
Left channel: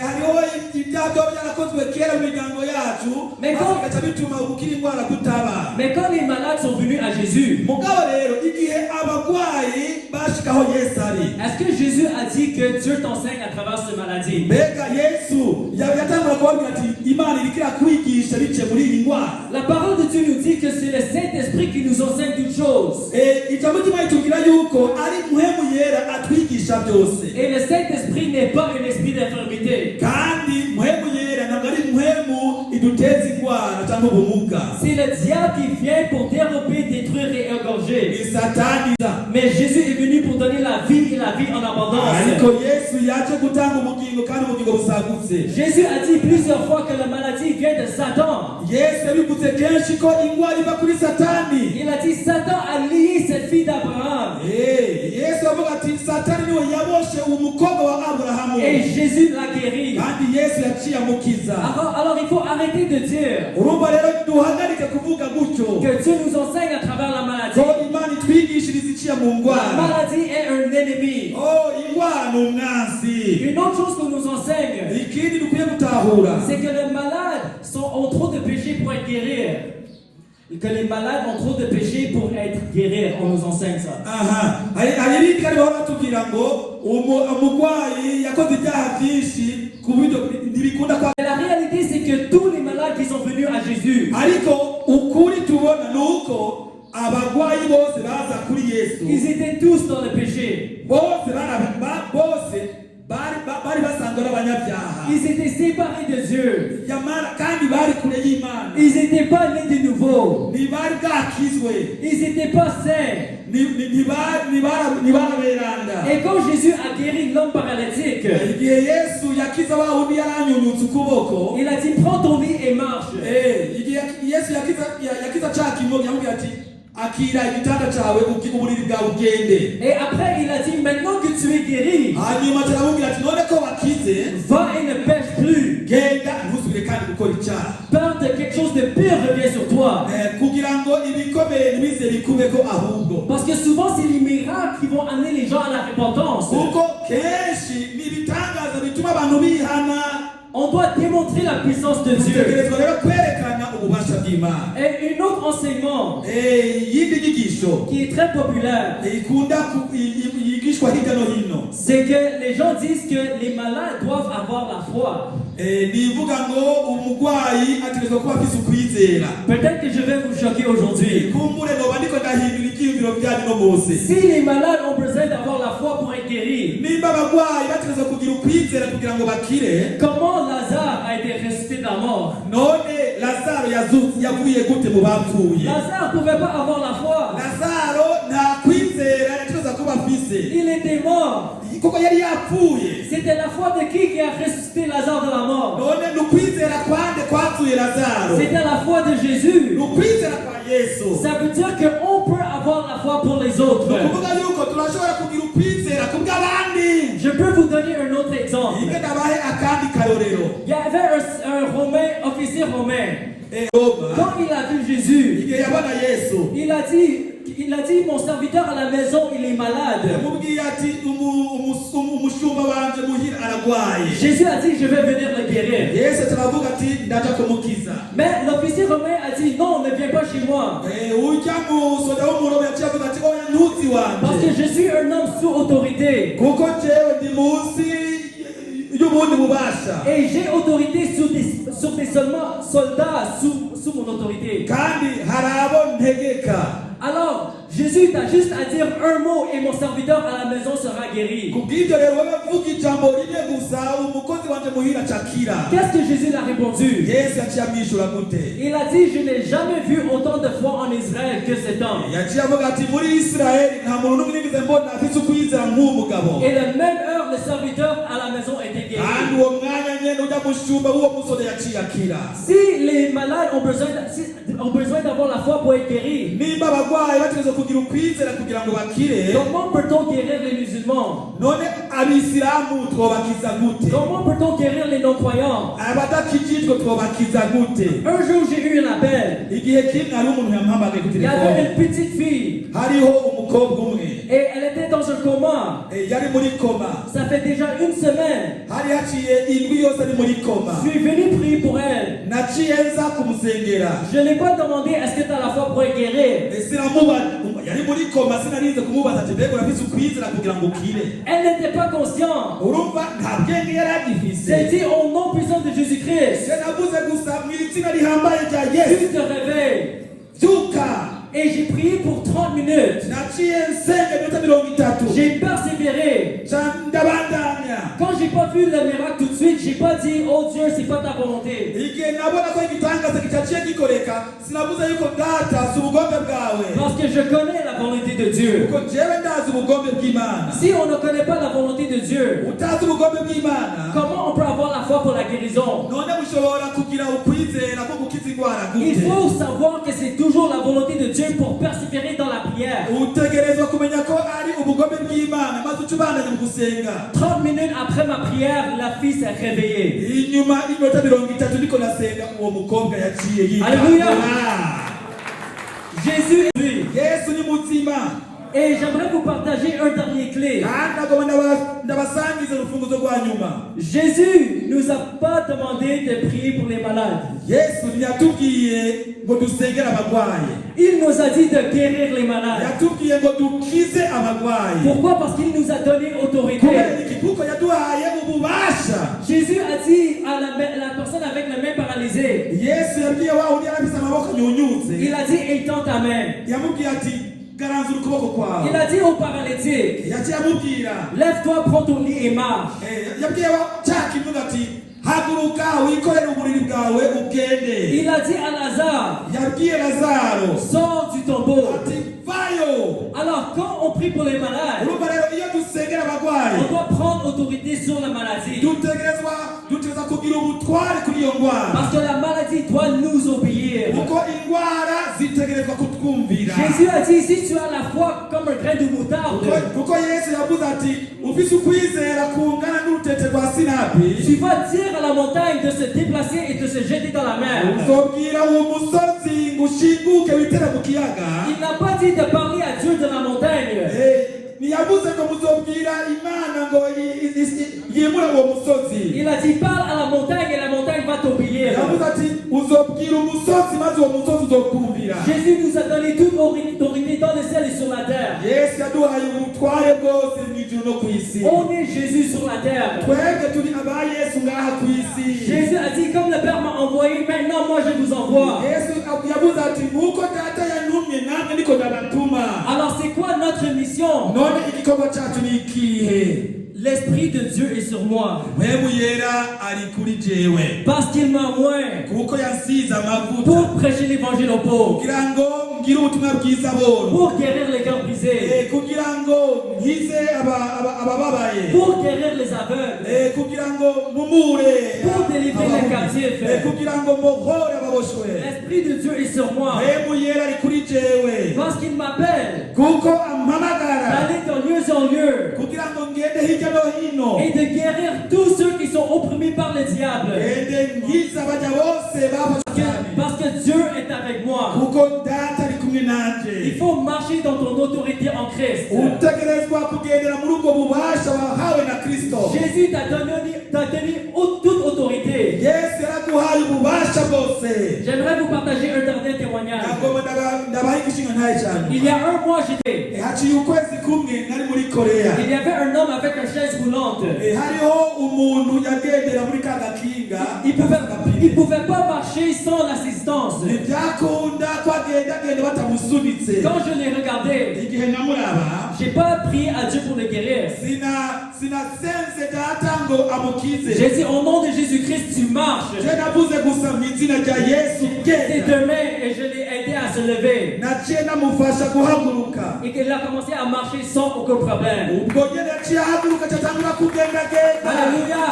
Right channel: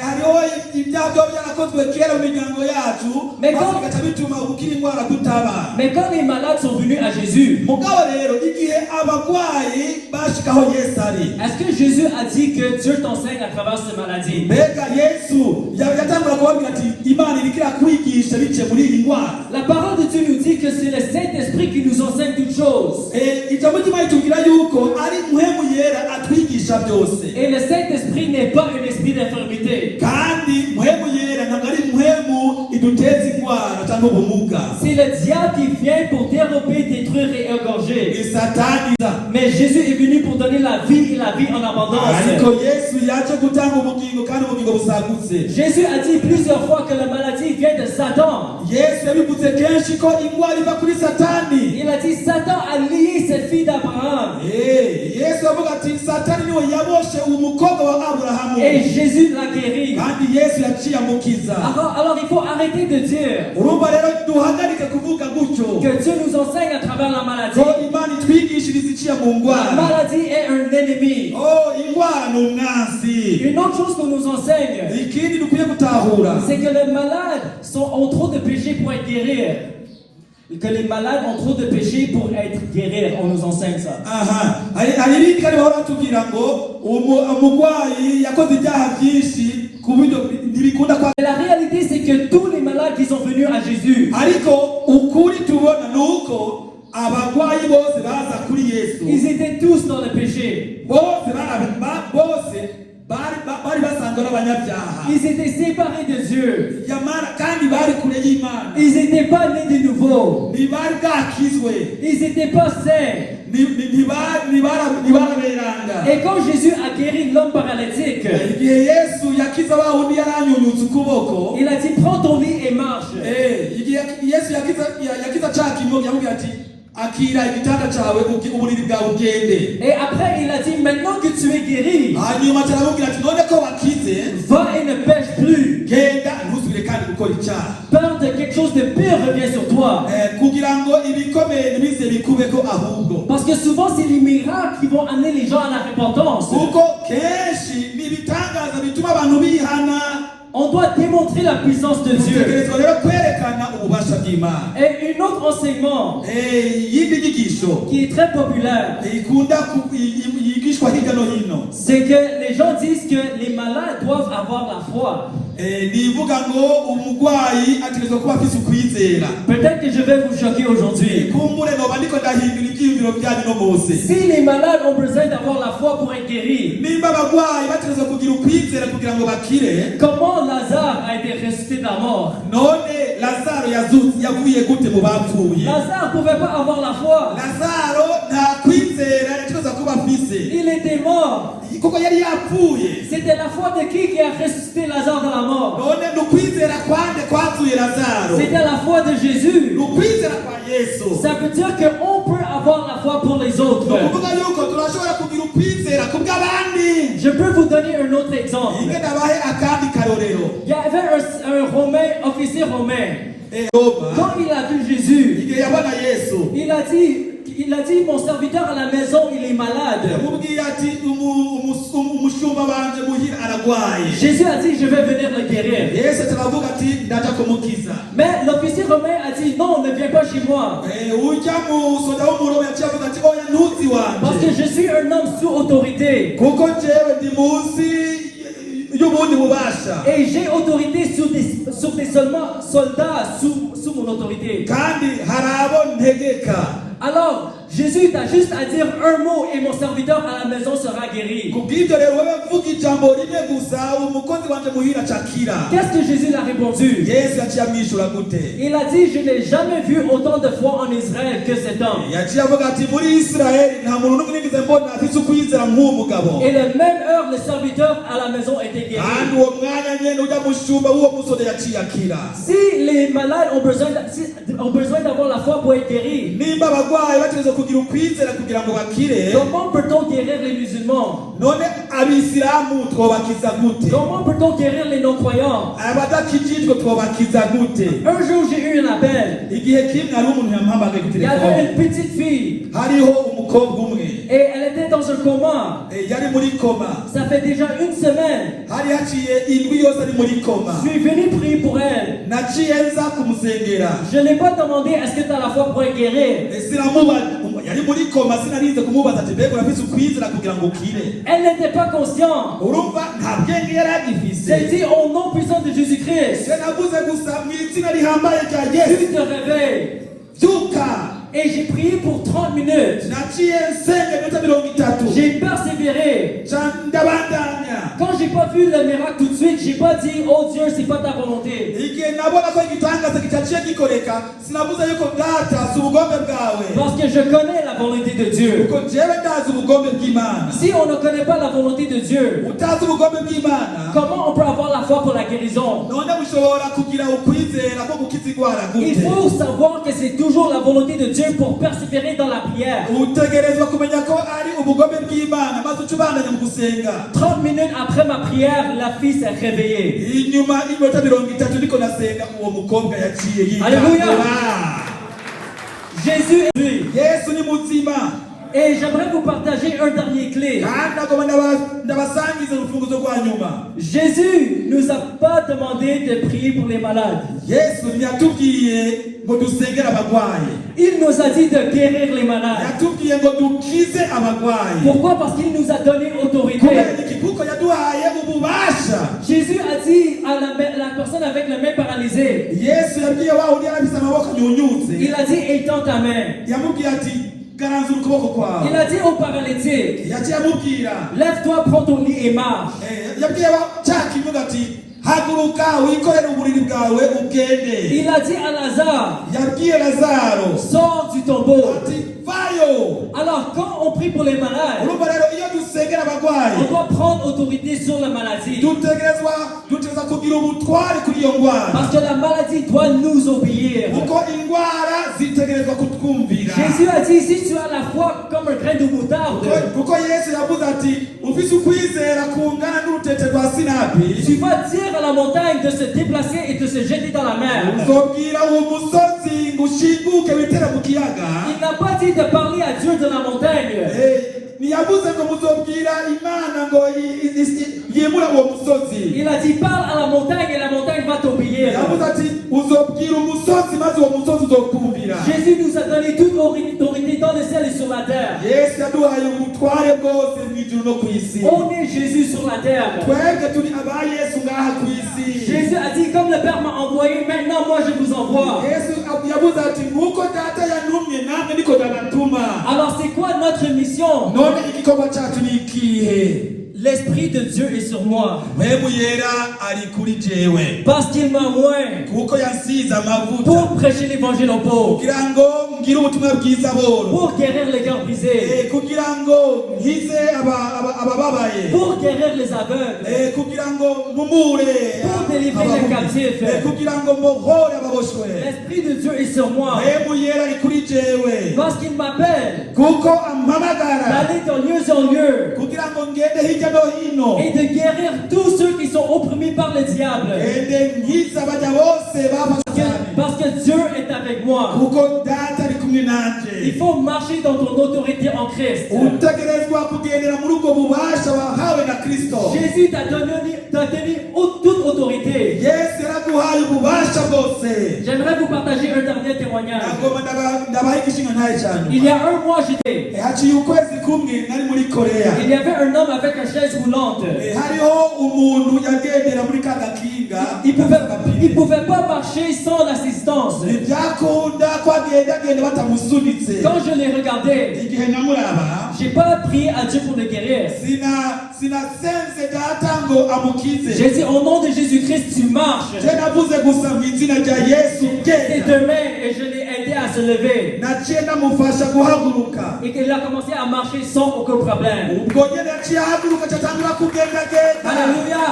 hariho ibyago byarakozwe kera mu miryango yacu bigaca bituma gukira indwara tutabana. Mais quand les malades sont venus à Jésus, Mugabo rero igihe abarwayi bashikaho Yesu ari, est-ce que Jésus a dit que Dieu t'enseigne à travers cette maladie? mbega Yesu yatangura kubabwira ati Imana iriko irakwigisha biciye muri iyi ndwara. La parole de Dieu nous dit que c'est le Saint-Esprit qui nous enseigne toutes choses. Ijambo ry'Imana ritubwira yuko ari Mpwemu Yera atwigisha byose. Et le Saint-Esprit n'est pas un esprit d'infirmité. Kandi Mpwemu Yera ntabwo ari Mpwemu iduteza indwara cyangwa ubumuga. C'est le diable qui vient pour dérober, détruire et égorger. Ni Satani. Mais Jésus est venu pour donner la vie et la vie en abondance. Ariko Yesu yaje gutanga ubugingo kandi ubugingo busagutse. Jésus a dit plusieurs fois que la maladie vient de Satan. Yesu yabivuze kenshi ko indwara iva kuri Satani. Il a dit Satan a lié cette fille d'Abraham. Yesu avuga ati Satani niwe yaboshe umukobwa wa Aburahamu. Et Jésus l'a guéri. Kandi Yesu yaciye amukiza. Alors il faut arrêter de dire Urumva rero duhagarike kuvuga gutyo que Dieu nous enseigne à travers la maladie. ko Imana itwigishiriza iciye mu La ndwara. maladie est un ennemi. Indwara ni umwanzi. Une autre chose qu'on nous enseigne, Ikindi dukwiye gutahura, c'est que les malades ont trop de péchés pour être guéris. Que les malades ont trop de péchés pour être guéris. On nous enseigne ça. hari ibindi kandi bahora batubwira ngo umurwayi yakoze ibyaha byinshi ku buryo ntibikunda kwa. La réalité, c'est que tous les malades qui sont venus à Jésus, Ariko ukuri tubona ni uko abarwayi bose baza kuri Yesu ils étaient tous dans le péché. bose bari basanzwe ari abanyabyaha. Ils étaient séparés de Dieu. Kandi bari kure y'Imana. Ils n'étaient pas nés de nouveau. Ntibari bwakizwe. Ils n'étaient pas saints. Ntibareranga. Et quand Jésus a guéri l'homme paralytique, Igihe Yesu yakiza wa wundi yaranyunyutse ukuboko, il a dit prends ton lit et marche. igihe Yesu yakiza cya kimonyo yamubwira ati akira igitanda cyawe uburiri bwawe ugende. Et après il a dit maintenant que tu es guéri, Hanyuma aramubwira ati none ko wakize, va et ne pêche plus. genda ntuzubire kandi gukora icyaha. Peur de quelque chose de pire revient sur toi. Kugira ngo ibikomeye ntibize bikubeko ahubwo. Parce que souvent c'est les miracles qui vont amener les gens à la repentance. Kuko kenshi ni ibitangaza bituma abantu bihana. On doit démontrer la puissance de Dieu. Dutegerezwa rero kwerekana ububasha bw'Imana. Et un autre enseignement Yindi nyigisho qui est très populaire, ikunda bigishwa hirya no hino. C'est que les gens disent que les malades doivent avoir la foi. Bivuga ngo umugwayi ategerezwa kuba afise ukwizera. Peut-être que je vais vous choquer aujourd'hui. Kumbure noba ndiko ndahindura ivyiyumviro vyanyu no munsi. Si les malades ont besoin d'avoir la foi pour être guéris, nimba abagwayi bategerezwa kugira ukwizera kugira ngo bakire, comment Lazare a été ressuscité de la mort? none Lazaro yavuye gute mu bapfuye? Lazare ne pouvait pas avoir la foi. Lazaro nta kwizera yategerezwa kuba afise. Il était mort. Kuko yari yapfuye. C'était la foi de qui a ressuscité Lazare de la mort? None nukwizera kwande kwatuye Lazaro? C'était la foi de Jésus. Nukwizera kwa Yesu. Ça veut dire qu'on peut avoir la foi pour les autres. Kuvuga yuko turashobora kugira ukwizera kubw'abandi. Je peux vous donner un autre exemple. Ike nabahe akandi karorero. Il y avait un Romain, officier romain. Roma. Quand il a vu Jésus, Igihe yabona Yesu. il a dit, mon serviteur à la maison, il est malade. Yamubwiye ati umushumba wanje muhira aragwaye. Jésus a dit, je vais venir le guérir. Yesu aravuga ati ndaja kumukiza. Mais l'officier romain a dit, non, ne viens pas chez moi. Ujya musoda w'umuromi yaciye avuga ati oya ntuzi Parce wanje. que je suis un homme sous autorité. Kuko jewe ndi munsi y'ubundi bubasha. Et j'ai autorité sur des soldats sous mon autorité. Kandi hari abo ntegeka. Alors, Jésus t'a juste à dire un mot et mon serviteur à la maison sera guéri. Kubw'ibyo rero wowe mvuga ijambo rimwe gusa umukozi wanje muhira acakira. Qu'est-ce que Jésus a répondu? Yesu aciye amwishura gute? Il a dit, je n'ai jamais vu autant de foi en Israël que cet homme. Yaciye avuga ati muri Isirayeli nta muntu nigeze mbona afise ukwizera nk'uwo mugabo. Et la même heure, le serviteur à la maison était guéri. Kandi uwo mwanya nyene ujya mushumba w'uwo musore yaciye akira. Si les malades ont besoin d'avoir la foi pour être guéris, Nimba abagwayi bategerezwa kugira ukwizera kugira ngo bakire, comment peut-on guérir les musulmans? none abisilamu twobakiza gute? Comment peut-on guérir les non-croyants? Abadakijijwe twobakiza gute? Un jour, j'ai eu un appel. Igihe kimwe hari umuntu yamuhamagaye ku Il y avait telefone. une petite fille Hariho umukobwa umwe et elle était dans un coma. yari muri koma. Ça fait déjà une semaine. Hari haciye indwi yose ari muri koma. Je suis venu prier pour elle. Naciye nza kumusengera. Je n'ai pas demandé est-ce que tu as la foi pour être guérie. Yari muri koma sinarize kumubaza ati mbega urafise ukwizera kugira ngo ukire? Elle n'était pas consciente. Urumva nta bwenge yari agifise. C'est dit au nom puissant de Jésus-Christ. Yanavuze gusa mu izina rihambaye rya Yesu. Tu te réveilles. Zuka. Et j'ai prié pour 30 minutes. Naciye nsenga iminota 30. J'ai persévéré. Ndabandanya. Quand j'ai pas vu le miracle tout de suite, j'ai pas dit oh Dieu, c'est pas ta volonté. Igihe nabona ko igitangaza kitaciye gikoreka sinavuze yuko data si ubugombe bwawe. Parce que je connais la volonté de Dieu. Kuko jewe ndazi ubugombe bw'Imana. Si on ne connaît pas la volonté de Dieu, Utazi ubugombe bw'Imana, comment on peut avoir la foi pour la guérison? none ushobora kugira ukwizera ko gukiza indwara Il gute? faut savoir que c'est toujours la volonté de Dieu pour persévérer dans la prière. Utegerezwa kumenya ko ari ubugombe bw'Imana maze ucubandanye mu gusenga. 30 minutes après ma prière, la fille s'est réveillée. Inyuma y'iminota 30 niko nasenga uwo mukobwa yaciye yitwa. Alléluia. Jésus est lui. Yesu ni muzima. Et j'aimerais vous partager un dernier clé. Kandi akaba ndabasangiza urufunguzo rwa nyuma. Jésus nous a pas demandé de prier pour les malades. Yesu ntiyatubwiye ngo dusengere abagwayi. Il nous a dit de guérir les malades. Yatubwiye ngo dukize abagwayi. Pourquoi? Parce qu'il nous a donné autorité. Kuko yaduhaye ububasha. Jésus a dit à la personne avec la main paralysée, Yesu yabwiye wa uri arafise amaboko nyunyutse. il a dit étends ta main. Yamubwiye ati garanza ukuboko kwawe. Il a dit au paralytique, Yaciye amubwira. lève-toi, prends ton lit et marche. Yabwiye cya kimuga ati haguruka wikorere uburiri bwawe ugende. Il a dit à Lazare, Yabwiye Lazaro sors du tombeau. ati vayo. Alors quand on prie pour les malades, Urumva rero iyo dusengera abagwayi on doit prendre autorité sur la maladie. dutegerezwa kugira ubutware kuri iyo ndwara. Parce que la maladie doit nous obéir. Kuko indwara zitegerezwa kutwumvira. Jésus a dit, si tu as la foi comme un grain de moutarde, Kuko Yesu yavuze ati ufise ukwizera kungana n'urutete rwa sinapi. tu vas dire à la montagne de se déplacer et de se jeter dans la mer. Uzobwira uwo musozi ngo ushinguke witere mu kiyaga. Il n'a pas dit de parler à Dieu de la montagne. Ntiyavuze ngo muzobwira Imana ngo yimura uwo musozi. Il a dit, parle à la montagne et la montagne va t'obéir. Yavuze ati uzobwira umusozi maze uwo musozi uzokumvira. Jésus nous a donné toute autorité dans le ciel et sur la terre. Yesu yaduhaye ubutware bwose mu isi. On est Jésus sur la terre. Twebwe turi aba Yesu ngaha ku isi. Jésus a dit, comme le Père m'a envoyé, maintenant moi je vous envoie. Yesu yavuze ati nkuko data yantumye namwe niko ndabatuma. Alors c'est quoi notre mission? None igikorwa cyacu ni ikihe? L'Esprit de Dieu est sur moi. Mpemu yera ari kuri jewe. Parce qu'il m'a oint Kuko yansize amavuta. pour prêcher l'évangile aux pauvres. Kugira ngo ngire ubutumwa bwiza bose. Pour guérir les cœurs brisés. Kugira ngo nkize abababaye. Pour guérir les aveugles. Kugira ngo mpumure. Pour délivrer les captifs. Kugira ngo mbohore ababoshwe. L'Esprit de Dieu est sur moi. Mpemu yera ari kuri jewe. Parce qu'il m'appelle Kuko ampamagara. d'aller de lieu en lieu Kugira ngo ngende hirya no hino. et de guérir tous ceux qui sont opprimés par le diable. Nkize abaja bose bafashwe. Parce que Dieu est avec moi. Kuko data ari kumwe nanje. Il faut marcher dans ton autorité en Christ. Utegerezwa kugendera muri ubwo bubasha wahawe na Kristo. Jésus t'a donné toute autorité. Yesu yaraduhaye ububasha bwose. J'aimerais vous partager un dernier témoignage. Ntabwo ndabaha igishinga ntaye cyane. Il y a un mois, j'étais. Haciye ukwezi kumwe nari muri Korea. Il y avait un homme avec une chaise roulante. Hariho umuntu yagendera muri ka gakinga. Il pouvait pas marcher sans l'assistance. Ntibyakunda ko agenda batamusunitse. Quand je l'ai regardé, Igihe nyamuraba. j'ai pas prié à Dieu pour le guérir. Sinasenze data ngo amukize. J'ai dit au nom de Jésus-Christ, tu marches. Navuze gusa mu izina rya Yesu Ses genda. deux mains et je l'ai aidé à se lever. Naciye namufasha guhaguruka. Et qu'il a commencé à marcher sans aucun problème. Ubwo nyine naciye ahaguruka cyatangura kugenda genda. Alléluia.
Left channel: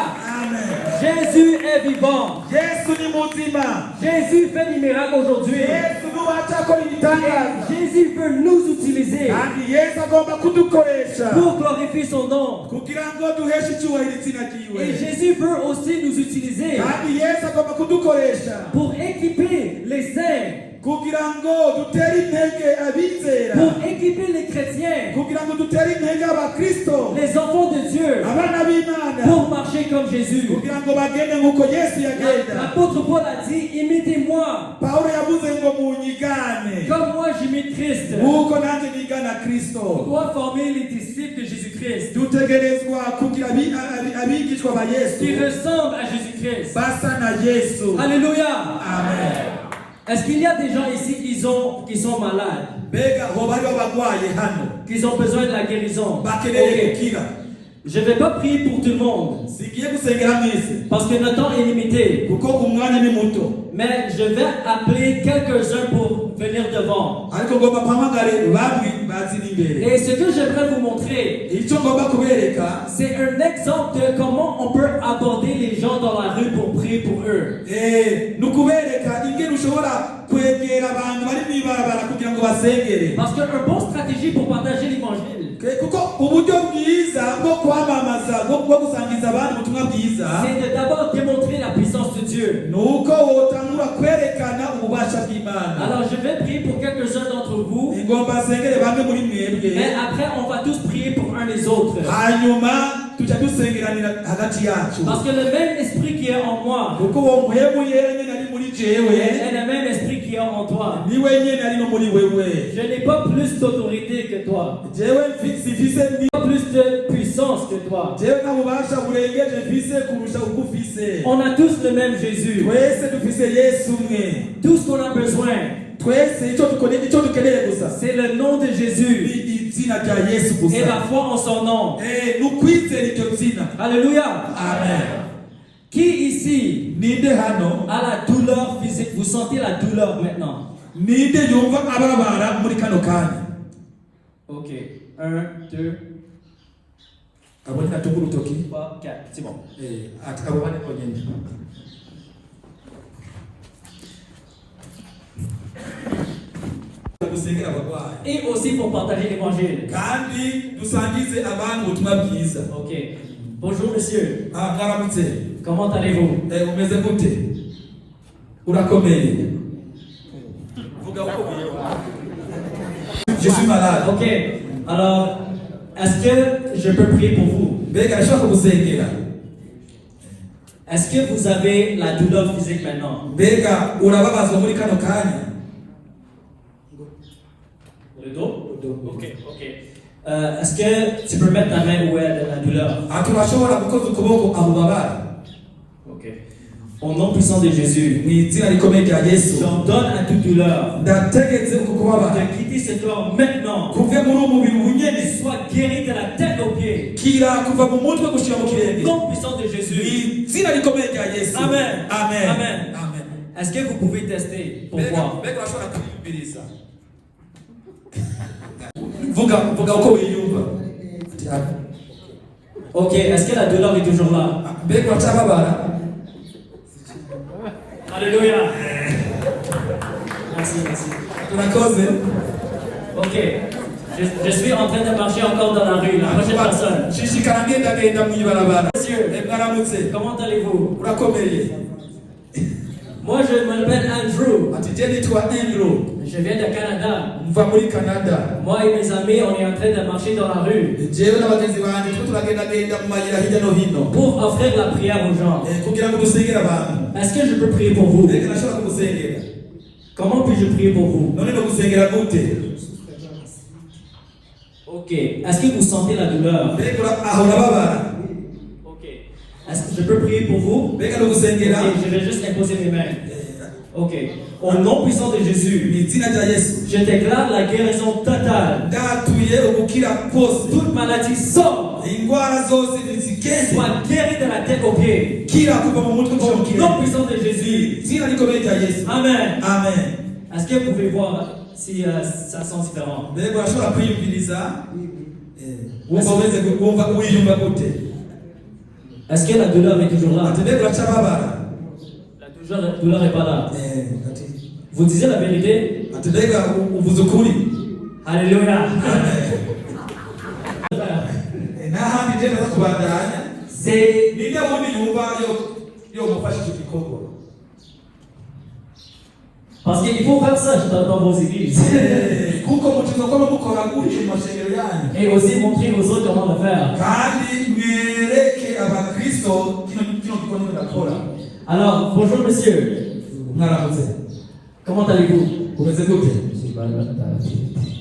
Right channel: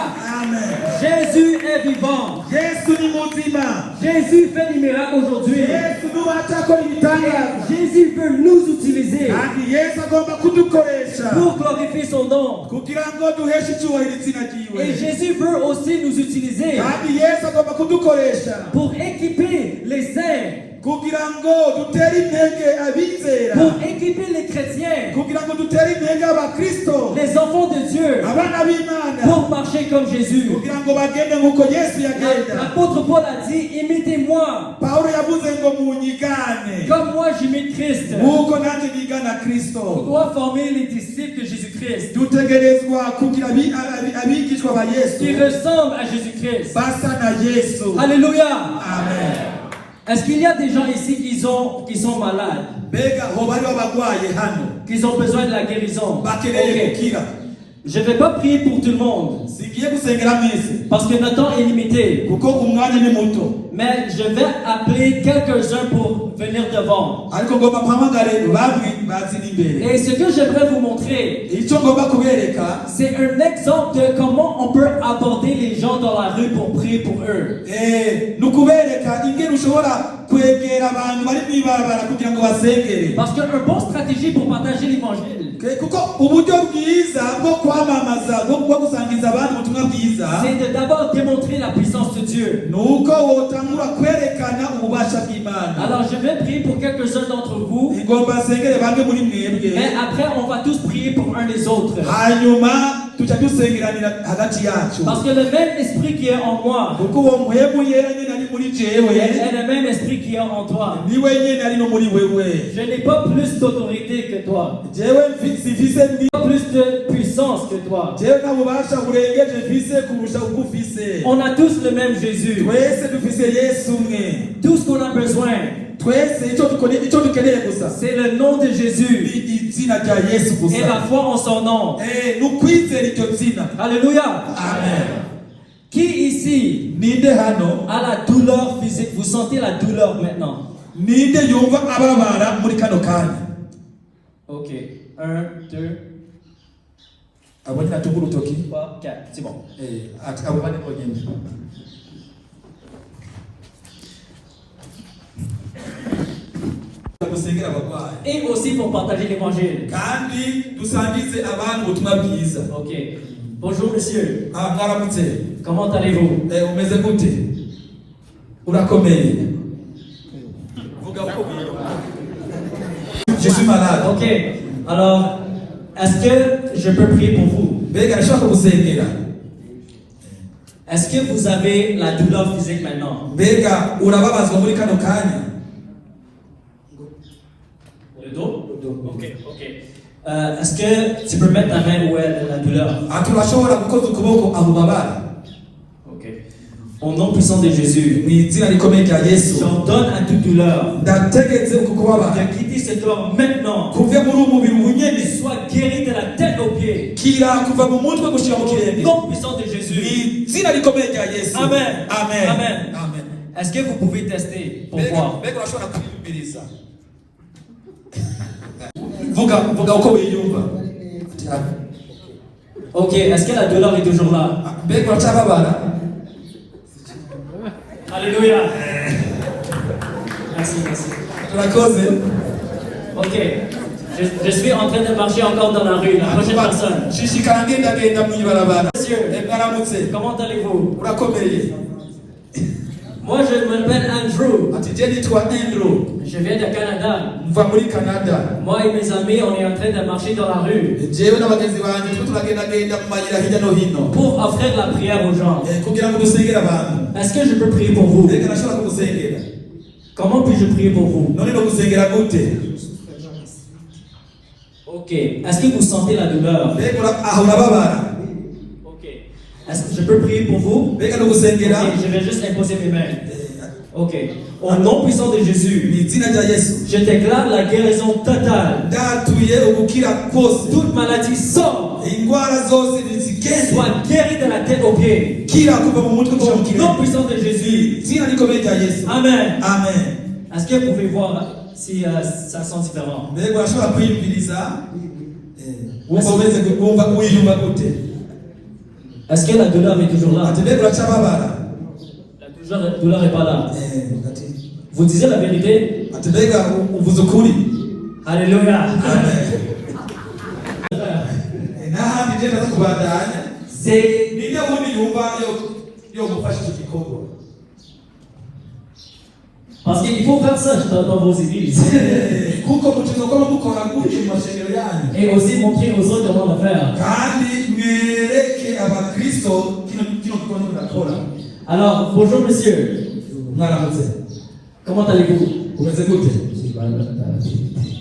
Amen. Jésus est vivant. Yesu ni muzima. Jésus fait des miracles aujourd'hui. Yesu nuwacyakora ibitangaza. Jésus peut nous utiliser Kandi Yesu agomba kudukoresha pour glorifier son nom. kugira ngo duheshe icyubahiro izina ryiwe. Et Jésus veut aussi nous utiliser Kandi Yesu agomba kudukoresha pour équiper les saints, kugira ngo dutere intege abizera. pour équiper les chrétiens, Kugira ngo dutere intege abakristo. les enfants de Dieu, Abana b'Imana. pour marcher comme Jésus. Kugira ngo bagende nk'uko Yesu yagenda. L'apôtre Paul a dit, imitez-moi, Pawulo yavuze ngo munyigane comme moi j'imite Christ. nk'uko nanjye nigana On Kristo. doit former les disciples de Jésus-Christ Dutegerezwa kugira abigishwa ba Yesu qui ressemblent à Jésus-Christ. basa na Yesu. Alléluia. Amen. Est-ce qu'il y a des gens ici qui sont malades, Mbega hoba hariho abagwaye hano qui ont besoin de la guérison? bakeneye Ok. gukira. Je ne vais pas prier pour tout le monde Sigiye gusengera mwese parce que notre temps est limité. kuko umwanya ni muto, Mais je vais appeler quelques-uns pour venir devant. ariko ngomba mpamagare bamwe bazira imbere. Et ce que j'aimerais vous montrer, Icyo ngomba kubereka c'est un exemple de comment on peut aborder les gens dans la rue pour prier pour eux. ni ukubereka ingene ushobora kwegera abantu bari mw'ibarabara kugira ngo basengere. Parce qu'une bonne stratégie pour partager l'évangile, Kuko uburyo bwiza bwo kwamamaza bwo gusangiza abandi ubutumwa bwiza c'est de d'abord démontrer la puissance de Dieu. ni uko wotangura kwerekana ububasha bw'Imana. Alors je vais prier pour quelques-uns d'entre vous. Ingomba nsengere bamwe muri mwebwe, Et après, on va tous prier pour un des autres. hanyuma tuca dusengeranira hagati yacu. Parce que le même esprit qui est en moi Kuko uwo mpemu yera nyine ari muri jewe est le même esprit qui est en toi. niwe nyine ari no muri wewe. Je n'ai pas plus d'autorité que toi. Jewe sifise Pas plus de puissance que toi. jewe nta bubasha burengeje mfise kurusha ubwo ufise. On a tous le même Jésus. Twese dufise Yesu umwe. Tout ce qu'on a besoin, Twese icyo dukeneye gusa c'est le nom de Jésus ni izina rya Yesu et gusa. la foi en son nom. Ni ukwizera iryo zina. Alléluia. Amen. Qui ici Ninde hano a la douleur physique? Vous sentez la douleur maintenant? ninde yumva ababara muri kano kanya? Ok. 1, 2, Abo natunga urutoki. 3, 4. C'est bon. Ati abo bane ko nyine. Dusengera abagwayi Et aussi pour partager l'évangile. kandi dusangize abantu ubutumwa bwiza. Ok. Bonjour monsieur. Karamutse. Comment allez-vous? Umeze gute? Urakomeye? Vuga uko. Je suis malade. Ok. Alors, est-ce que je peux prier pour vous? Mbega ndashaka gusengera. Est-ce que vous avez la douleur physique maintenant? Mbega urababazwa muri kano kanya? Le dos? Ok, ok. Est-ce que tu peux mettre ta main où est la douleur? turashobora gukoza ukuboko abo babara. Ok. Au nom puissant de Jésus, Mu izina rikomeye rya Yesu j'ordonne à toute douleur ndategetse uku kubabara de quitter ce corps maintenant. kuve muri ubu mubiri bunyene Sois guéri de la tête aux pieds. kira kuva mu mutwe gushira mu Au kirenge nom puissant de mu Jésus. izina rikomeye rya Yesu. Amen. Amen. Amen. Amen. Est-ce que vous pouvez tester pour voir? Mbega urashobora kwiyumviriza vuga uko wiyumva. Ok, est-ce que la douleur est toujours là? Mbega uracyababara. Alléluia. Merci, merci. Urakoze. Ok. Je suis en train de marcher encore dans la rue. La prochaine personne. shishikara ngendagenda mu ibarabara. Monsieur, mwaramutse. comment allez-vous? Urakomeye. Moi, je m'appelle Andrew. Ati je nitwa Andrew. Je viens du Canada. Mva muri Canada. Moi et mes amis, on est en train de marcher dans la rue Jewe n'abagenzi banje turagendagenda mu mayira hirya no hino pour offrir la prière aux gens. kugira ngo dusengere abantu. Est-ce que je peux prier pour vous? Mbega nashobora kugusengera. Comment puis-je prier pour vous? None no gusengera gute? Ok. Est-ce que vous sentez la douleur? Mbega aho urababara. Ok. Est-ce que je peux prier pour vous? Mbega no gusengera. Ok, je vais juste imposer mes mains. Ok. Au nom puissant de Jésus, Mu izina rya Yesu je déclare la guérison totale. ndatuye ubukira bwose. Toute maladie sort. Indwara zose nizigende. Sois guéri de la tête aux pieds. Kira kuva mu mutwe kuva mu Au nom kirenge. puissant de Jésus. Izina rikomeye rya Yesu. Amen. Amen. Est-ce que vous pouvez voir si ça sent différent? Mbega urashobora kwiyumviriza wumva wiyumva gute? Est-ce que la douleur est toujours là? Ati mbega uracyababara. La douleur n'est pas là. Ati Vous disiez la vérité? ati mbega uvuze ukuri. Alléluia. Amen. N'ahandi je ndaza kubandanya. C'est Ninde wundi yumva yo gufasha iki gikorwa? parce qu'il faut faire ça dans vos églises. Kuko mukino ko mukora gutyo mu mashengero yanyu. Et aussi montrer aux autres comment le faire. Kandi mwereke abakristo kino gikorwa mudakora. Alors, bonjour monsieur. Mwaramutse. Comment allez-vous? Umeze gute?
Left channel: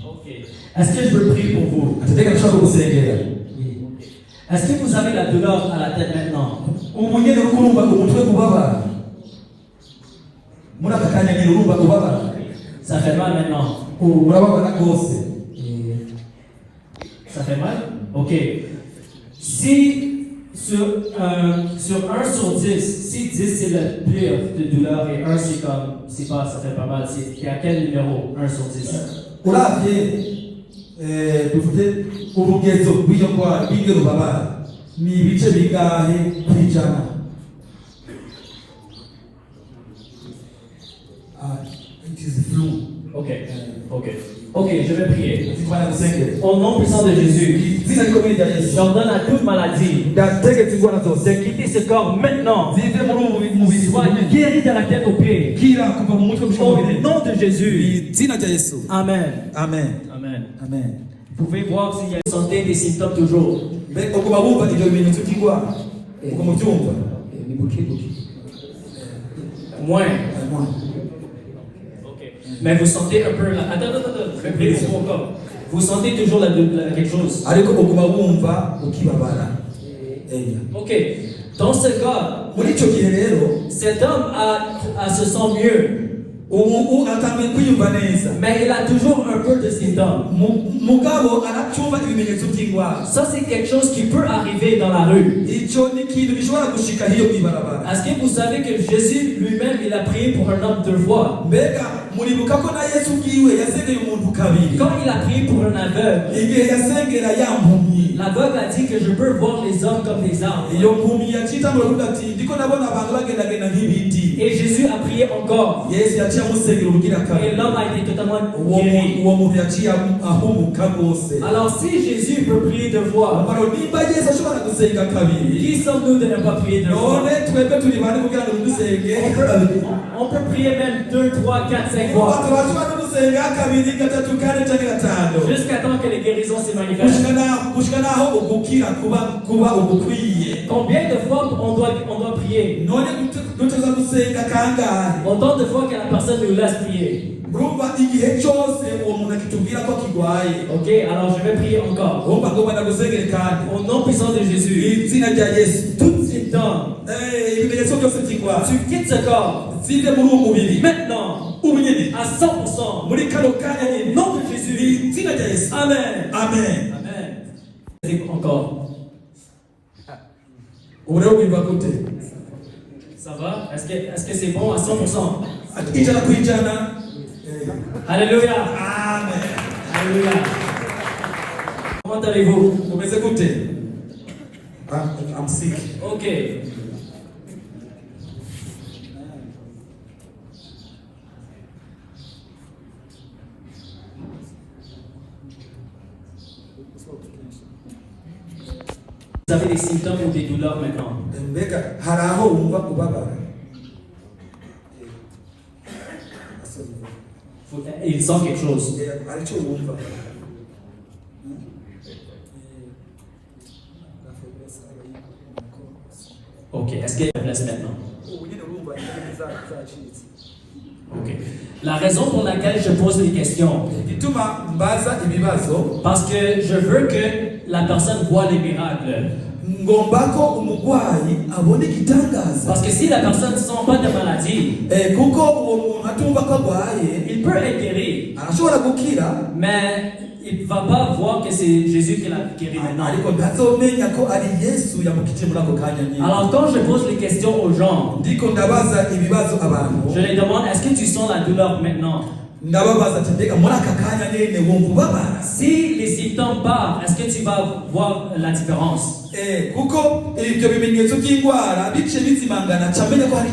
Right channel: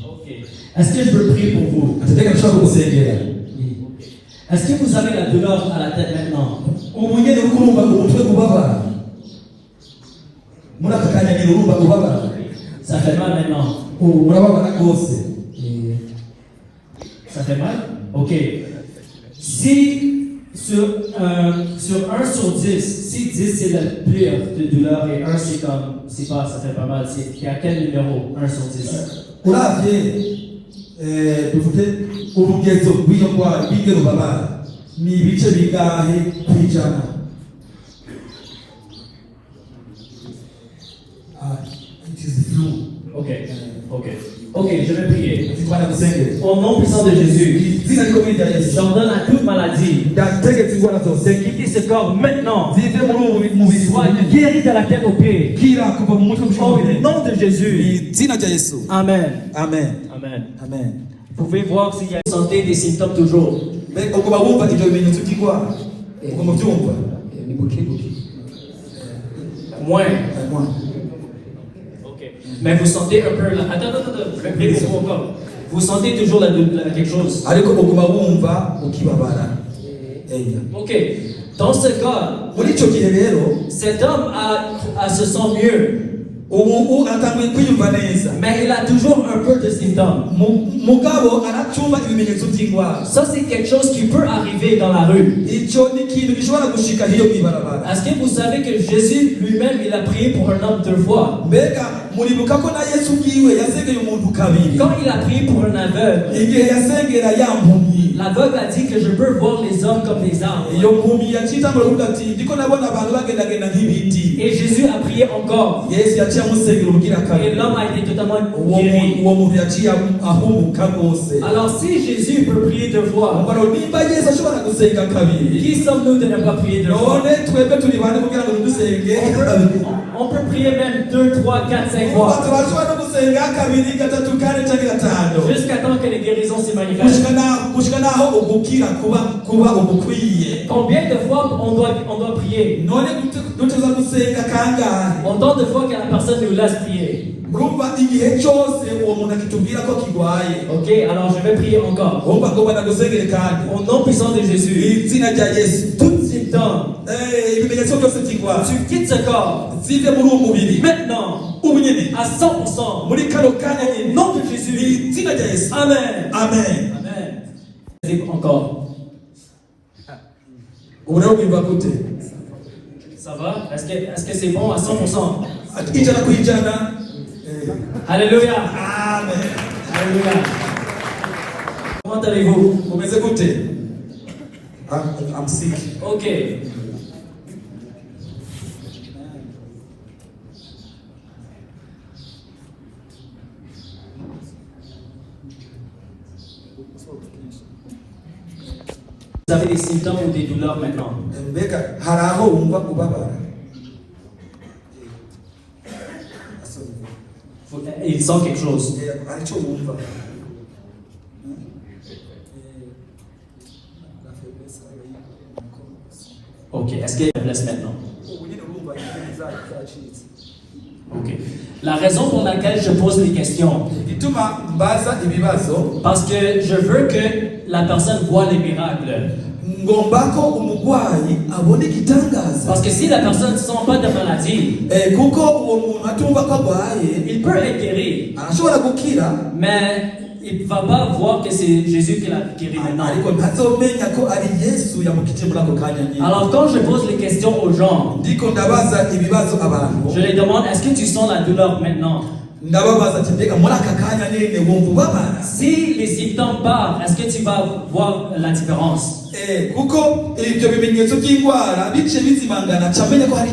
Ok. Est-ce que je peux prier pour vous? Ati mbega nshobora kugusengera. Est-ce que vous avez la douleur à la tête maintenant? Ubu nyene uko urumva umutwe kubabara. Muri aka kanya nyene urumva kubabara. Ça fait mal maintenant. Urababara rwose. Ça fait mal? Ok. Si sur 1 sur 10, si 10 c'est le pire de douleur et 1 c'est comme, c'est pas, ça fait pas mal, c'est à quel numéro? 1 sur 10? Uravye bivuge urugezo rw'iyo ndwara rw'iryo rubabara ni ibice bingahe kw'ijana? It is blue. Ok, ok. Ok, je vais prier. Tuvana gusengera. Au nom puissant de Jésus, Izina rikomeye rya Yesu. j'ordonne à toute maladie Ndategetse indwara zose de quitter ce corps maintenant. zive muri ubu mubiri Sois guéri de la tête aux pieds. kira kuva mu mutwe gushika mu Au birenge. nom de Jésus. Izina rya Yesu. Amen. Amen. Amen. Amen. Vous pouvez voir s'il y a santé des symptômes toujours. Mbega uko bumva ibyo bimenyetso by'indwara uko mubyumva. Moins. Ok. Mais vous sentez un peu là. Attends. Vous sentez toujours quelque chose. Ariko uko bumva ukibabara. Ok. Dans ce cas, Muri icyo gihe rero cet homme se sent mieux. ubu atangiye kwiyumva neza. Mais il a toujours un peu de symptômes. Mugabo aracumba ibimenyetso by'indwara. Ça, c'est quelque chose qui peut arriver dans la rue. Icyo ni ikintu gishobora gushika hiyo mwibarabara. Est-ce que vous savez que Jésus lui-même, il a prié pour un homme 2 fois? Mbega muribuka ko na Yesu bwiwe yasengera umuntu kabiri. Quand il a prié pour un aveugle, Igihe yasengera yampumyi. l'aveugle a dit que je peux voir les hommes comme des arbres. Iyo mpumyi yacita mu ati ndiko nabona abantu bagendagenda nk'ibiti. Et Jésus a prié encore. Yesu yaciye amusengera ubugira Et kabiri. l'homme a été totalement guéri. Uwo muntu yaciye ahumuka rwose. Alors si Jésus peut prier 2 fois, Amaro nimba Yesu ashobora gusenga kabiri. qui sommes-nous de ne pas prier 2 fois? None twebwe turi bane kugira ngo dusenge kabiri. On peut prier même 2, 3, 4, 5 fois. Abantu gusenga kabiri gatatu kane cyangwa gatanu. Jusqu'à temps que les guérisons se manifestent. Gushika naho ugukira kuba ugukwiye. Combien de fois on doit prier? None duteza gusenga kangahe? Autant de fois que la personne nous laisse prier. urumva igihe cyose uwo muntu akitubwira ko kirwaye. Ok, alors je vais prier encore. urumva ko ndagusengere kandi Au nom puissant de Jésus, izina rya Yesu tout symptôme, ibimenyetso byose by'indwara tu quittes ce corps zive muri uwo mubiri maintenant ubu nyine à 100%. muri kano kanya Au nyine nom de Jésus. izina rya Yesu. Amen. Amen. Amen. Encore. ubu rero biva gute? Ça va? Est-ce que c'est bon à 100%? ijana ku ijana. Alléluia. Amen. Alléluia. Comment allez-vous? umeze gute? I'm sick. Ok. Vous avez des symptômes ou des douleurs maintenant? mbega hari aho wumva kubabara? Il sent quelque chose. hari icyo wumva? Ok. Est-ce qu'il y a une faiblesse maintenant? Ok. La raison pour laquelle je pose des questions, igituma mbaza ibibazo parce que je veux que la personne voit les miracles. ngomba ko umurwayi abona igitangaza. Parce que si la personne ne sent pas de maladie, kuko uwo muntu atumva ko arwaye il peut être guéri, arashobora gukira mais il ne va pas voir que c'est Jésus qui l'a guéri maintenant. ariko ntazomenya ko ari Yesu yamukije muri ako kanya nyine. Alors quand je pose des questions aux gens, ndiko ndabaza ibibazo abantu je les demande, est-ce que tu sens la douleur maintenant? ndababaza ati mbega muri aka kanya nyine wumva ubabara? Si les symptômes partent, est-ce que tu vas voir la différence? kuko ibyo bimenyetso by'indwara bice bizimangana camenya ko hari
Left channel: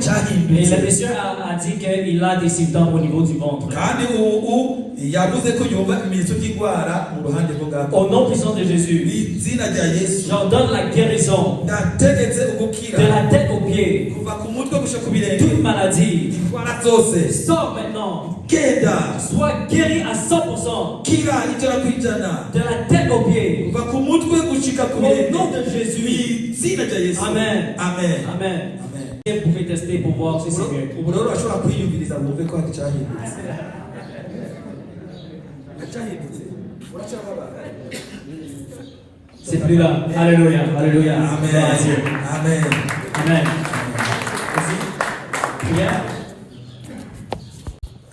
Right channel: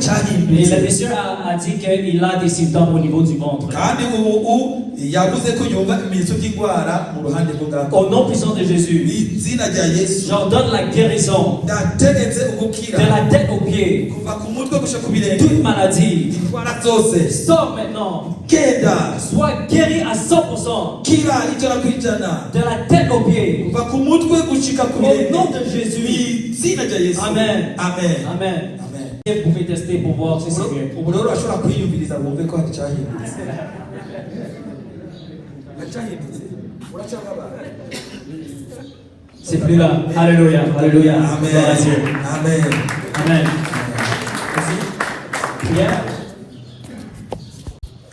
Mais cyahindutse. le monsieur a dit qu'il a des symptômes au niveau du ventre. kandi ubu yavuze ko yumva ibimenyetso by'indwara mu ruhande rwo ngako. Au nom puissant de Jésus, izina rya Yesu j'ordonne la guérison ndategetse ugukira de la tête aux pieds. kuva ku mutwe gushika ku birenge. Toute maladie, indwara zose sors maintenant. genda Sois guéri à 100%. kira ijana ku ijana De la tête aux pieds. kuva ku mutwe gushika ku Au birenge. nom de Jésus. izina rya Yesu. Amen. Amen. Amen. Amen. Vous pouvez tester pour voir si c'est vrai. ubu rero urashobora kwiyumviriza ngo wumve ko hari cyahindutse. cyahindutse uracyababara? C'est plus là. Alléluia. Alléluia. Amen. Gloire à Dieu. Amen. Amen. Prière.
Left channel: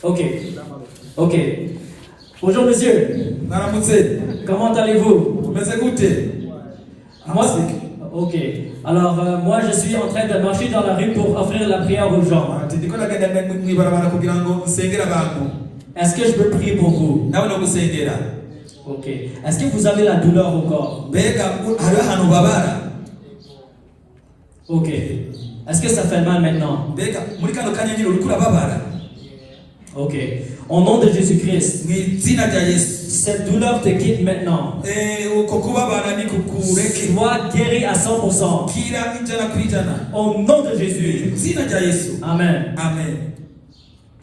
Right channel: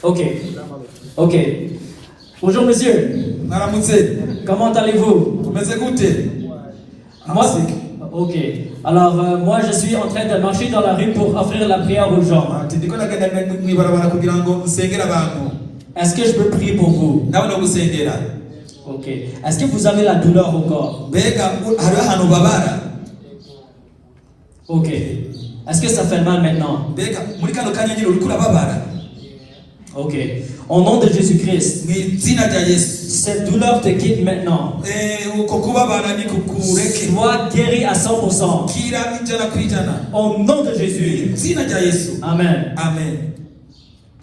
Ok. Ok. Bonjour monsieur. Mwaramutse. Comment allez-vous? umeze gute? Moi, ok. Alors, moi, je suis en train de marcher dans la rue pour offrir la prière aux gens. ati ndiko nagenda mwibarabara kugira ngo nsengere abantu. Est-ce que je peux prier pour vous? nawe no gusengera. Ok. Est-ce que vous avez la douleur au corps? mbega hariho ahantu babara? Ok. Est-ce que ça fait mal maintenant? mbega muri kano kanya nyine uriko urababara? Ok. Au nom de Jésus-Christ, mu izina rya Yesu. cette douleur te quitte maintenant. uko kubabara ni kukureke. Sois guéri à 100%. kira ijana ku ijana. Au nom de Jésus. mu izina rya Yesu. Amen. Amen.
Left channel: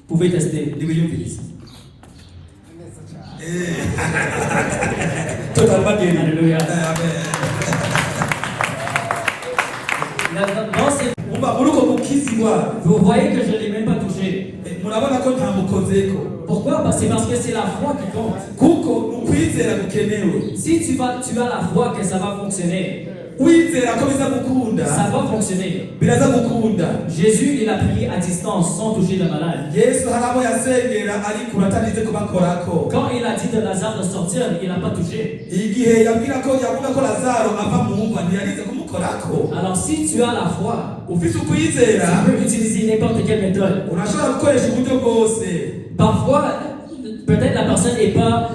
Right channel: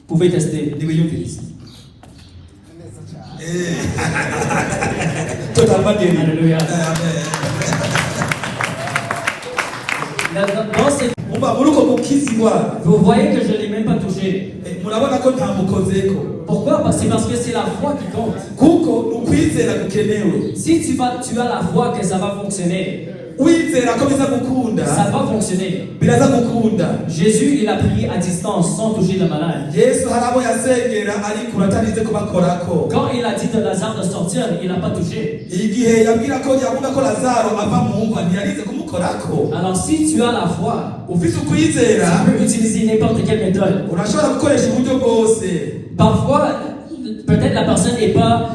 Vous pouvez tester. Nibiyumvirize. totalement guéri. Alléluia. Amen. Dans cette- Umva muri uko gukizwa Vous voyez que je ne l'ai même pas touché. murabona ko ntamukozeko. Pourquoi? Parce que c'est la foi qui compte. kuko ukwizera gukenewe. Si tu as la foi que ça va fonctionner, wizera ko biza gukunda ça va fonctionner. biraza gukunda. Jésus, il a prié à distance sans toucher le malade. Yesu hari abo yasengera ariko batanize kubakorako. Quand il a dit de Lazare de sortir, il n'a pas touché. igihe yabwira ko yabona ko Lazaro ava mu mva ntiyarize kumukorako. Alors si tu as la foi, ufite ukwizera tu peux utiliser n'importe quelle méthode. urashobora gukoresha uburyo bwose. Parfois, peut-être la personne n'est pas,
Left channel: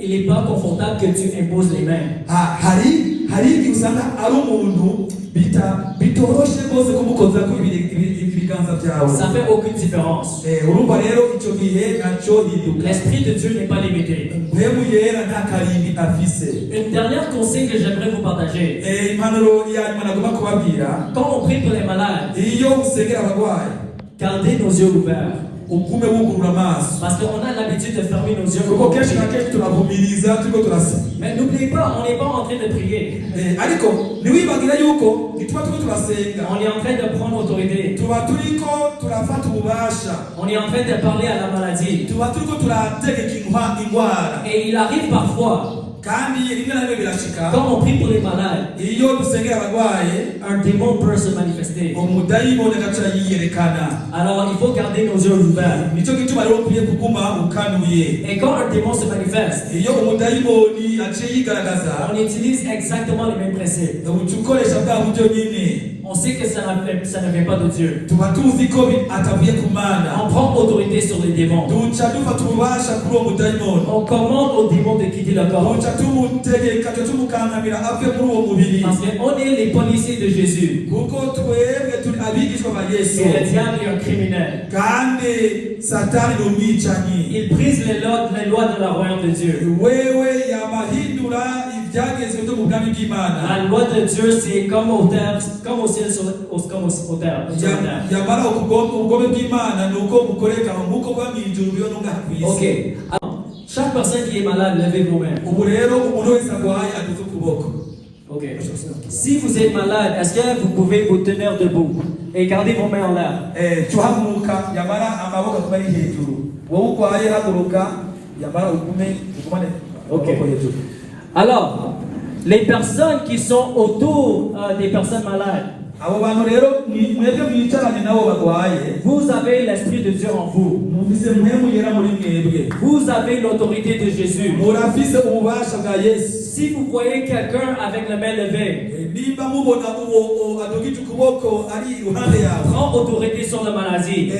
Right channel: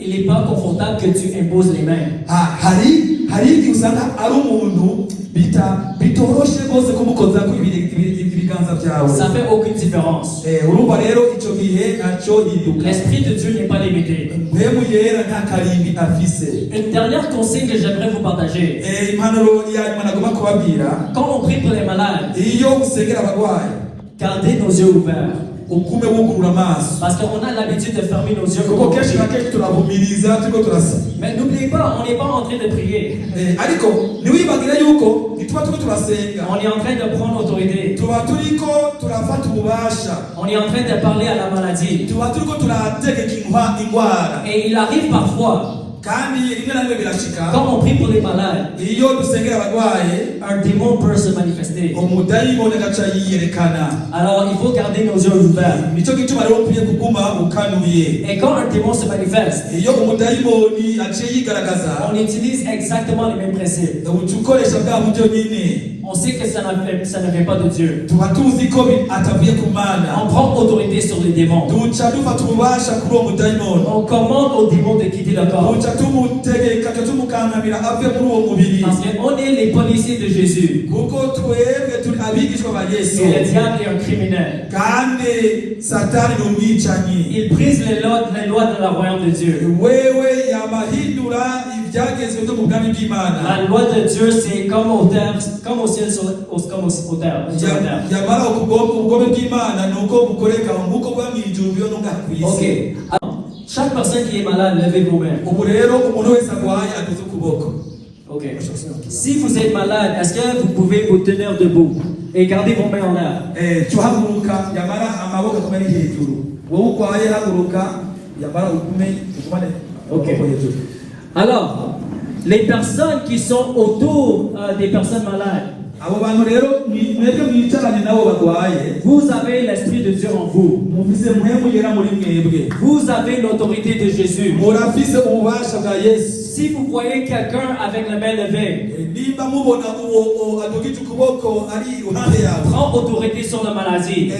il n'est pas confortable que tu imposes les mains. hari igihe usanga ari umuntu bitoroshe rwose kumukozako ibiganza byawe. Ça fait aucune différence. urumva rero icyo gihe ntacyo yiduka. L'Esprit de Dieu n'est pas limité. mpemu yera nta karimbi afise. Une dernière conseil que j'aimerais vous partager. impanuro ya nyuma nagomba kubabwira. Quand on prie pour les malades, iyo usengera abarwayi gardez nos yeux ouverts. ugume wugurura amaso Parce qu'on a l'habitude de fermer nos yeux. kuko kenshi na kenshi turahumiriza turiko turasaba. Mais n'oubliez pas, on n'est pas en train de prier. Ariko ntiwibagire yuko ntituba turiko turasenga, On est en train de prendre autorité. tuba turiko turafata ububasha, On est en train de parler à la maladie. tuba turiko turategeka indwara. Et il arrive parfois, Kandi rimwe na rimwe birashika quand on prie pour les malades, iyo dusengera abarwaye un démon peut se manifester. umudayimoni agaca yiyerekana. Alors il faut garder nos yeux ouverts. Nico gituma rero ukwiye kuguma ukanuye. Et quand un démon se manifeste, Iyo umudayimoni aciye yigaragaza on utilise exactement les mêmes principes. uca ukoresha bwa buryo nyine. On sait que ça ne vient pas de Dieu. Tuba tuzi ko atavuye ku Mana. On prend autorité sur les démons. Duca dufata ububasha kuri uwo mudayimoni. On commande aux démons de quitter le corps. Duca tumutegeka tumukangamira ave muri uwo mubiri. Parce qu'on est les policiers de Jésus. Kuko twebwe turi abigishwa ba Yesu. Et le diable est un criminel. Kandi Satani ni umwicanyi. Il brise les lois de la royaume de Dieu. Wewe yamahindura ibyagezwe byo mu bwami bw'Imana. La loi de Dieu, c'est comme au terre, comme au ciel, comme au terre. Yamara ubugome bw'Imana ni uko bukoreka nk'uko bwa mu ijuru byo no ku isi. Ok. Alors, chaque personne qui est malade, levez vous-même. Ubu rero umuntu wese arwaye aduze ukuboko. Ok. Si vous êtes malade, est-ce que vous pouvez vous tenir debout et garder vos mains en l'air? Tuhaguruka yamara amaboko kuma ari hejuru. Wowe urwaye haguruka yamara ugumane Ok. Alors, les personnes qui sont autour des personnes malades, abo bantu rero mwebwe mwicaranye nabo barwaye, vous avez l'Esprit de Dieu en vous. mufise muhemu yera muri mwebwe. Vous avez l'autorité de Jésus. Murafise ububasha bwa Yesu. Si vous voyez quelqu'un avec la main levée, Nimba mubona uwo adugije ukuboko ari iruhande yawe, prends autorité sur la maladie.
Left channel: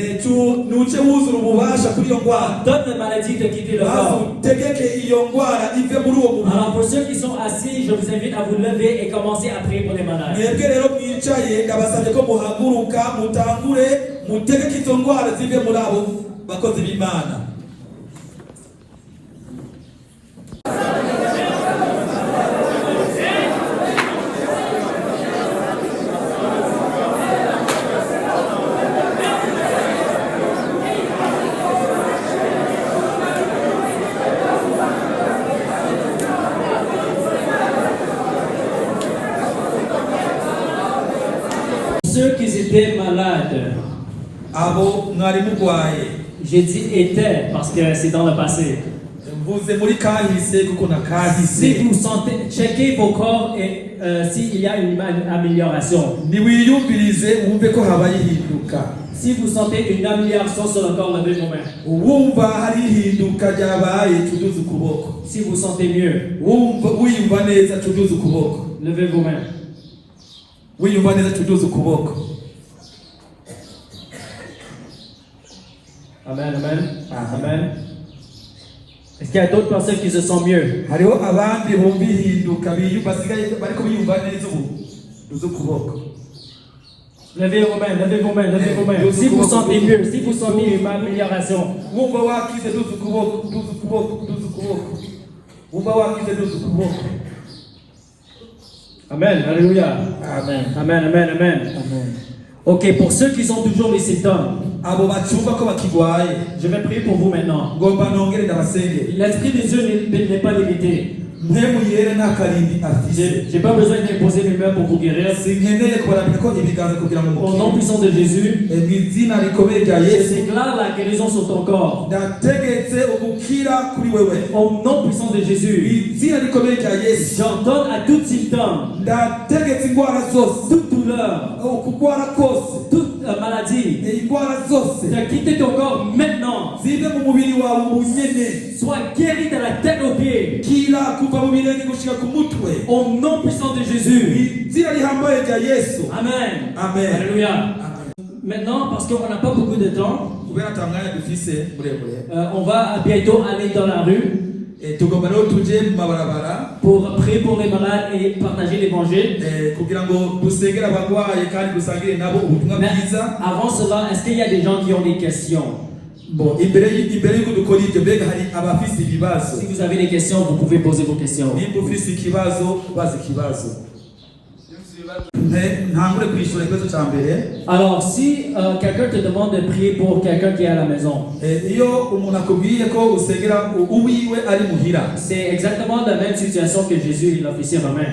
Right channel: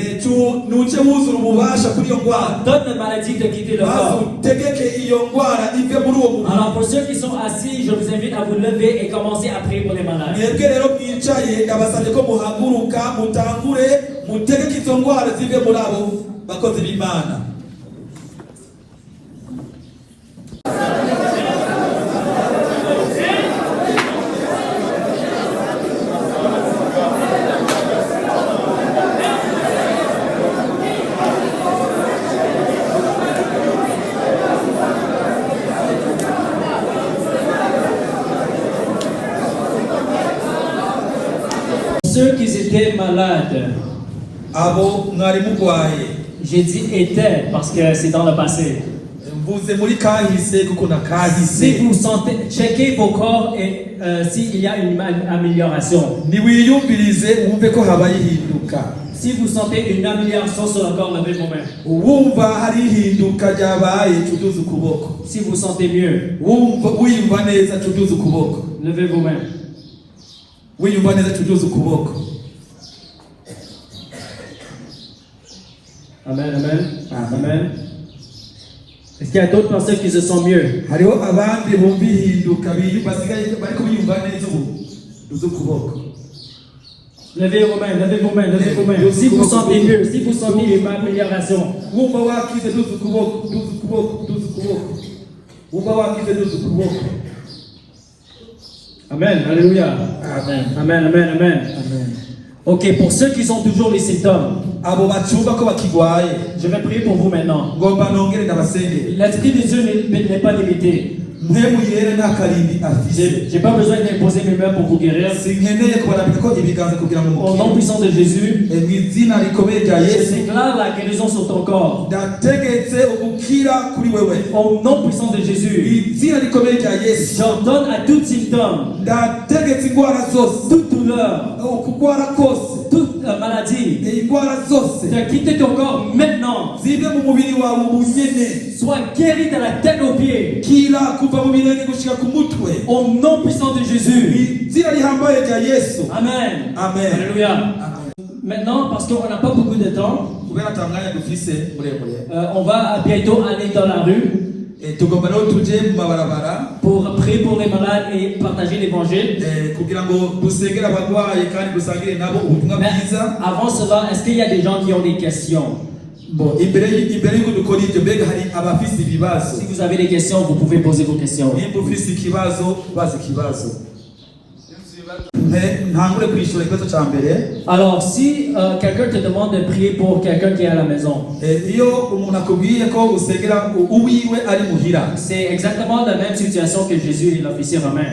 nuce wuzura ububasha kuri iyo ndwara. Donne la maladie de quitter le corps. Tegeke iyo ndwara ive muri uwo muntu. Alors pour ceux qui sont assis, je vous invite à vous lever et commencer à prier pour les malades. Mwebwe rero mwicaye ndabasabye ko muhaguruka mutangure mutegeke izo ndwara zive muri abo bakozi b'Imana. Ceux qui étaient malades, Abo mwari murwaye, j'ai dit étaient parce que c'est dans le passé. mvuze muri kahise kuko na Si kahise. vous sentez, checkez vos corps et s'il y a une amélioration. Niwiyumvirize wumve ko habaye ihinduka. Si vous sentez une amélioration sur le corps, levez vos mains. Wumva hari ihinduka ryabaye tuduze ukuboko. Si vous sentez mieux, Wiyumva neza tuduze ukuboko. levez vos mains. Wiyumva neza tuduze ukuboko. Amen, amen, amen. Est-ce qu'il y a d'autres personnes qui se sentent mieux? Hariho abandi bumva ihinduka basigaye bariko biyumva neza ubu tuduze ukuboko. Levez vos mains, levez vos mains, levez vos mains. Si vous sentez mieux, si vous sentez une amélioration, Wumva wakize tuduze ukuboko, tuduze ukuboko, tuduze ukuboko. Wumva wakize tuduze ukuboko. Amen, alléluia. Amen. Amen, amen, amen. Amen. Ok, pour ceux qui ont toujours les symptômes, Abo bacumva ko bakigwaye je vais prier pour vous maintenant. ngomba nongere ndabasengere. L'Esprit de Dieu n'est pas limité. Mwemu yere n'akarindi afise. Je n'ai pas besoin d'imposer mes mains pour vous guérir. Sinkeneye kubarambika ko ibiganza kugira ngo Au nom puissant de Jésus, izina rikomeye rya je Yesu déclare la guérison sur ton corps. ndategetse ubukira kuri wewe. Au nom puissant de Jésus, Izina rikomeye rya Yesu j'ordonne à tout symptôme, ndategetse indwara zose, toute douleur, ukugwara kose, toute maladie, indwara zose de quitter ton corps maintenant. zive mu mubiri wawe ubunyene. Sois guéri de la tête aux pieds. Kila kuva mu birenge gushika ku mutwe. Au nom puissant de Jésus. Izina rihambaye rya Yesu. Amen. Amen. Alléluia. Maintenant, parce qu'on n'a pas beaucoup de temps, Kubera tamwanya dufise muremure. on va bientôt aller dans la rue Tugomba rero tuje mu mabarabara pour prier pour les malades et partager l'évangile. kugira ngo dusengere abarwaye kandi dusangire nabo ubutumwa Mais bwiza. avant cela, est-ce qu'il y a des gens qui ont des questions? Bon, imbere y'uko dukora ibyo mbega hari abafise ibibazo. Si vous avez des questions, vous pouvez poser vos questions. Nimba ufise ikibazo baza ikibazo. ntangure kwishura ikibazo cya mbere. Alors, si quelqu'un te demande de prier pour quelqu'un qui est à la maison, Iyo umuntu akubwiye ko usengera uwiwe ari muhira, c'est exactement la même situation que Jésus et l'officier romain.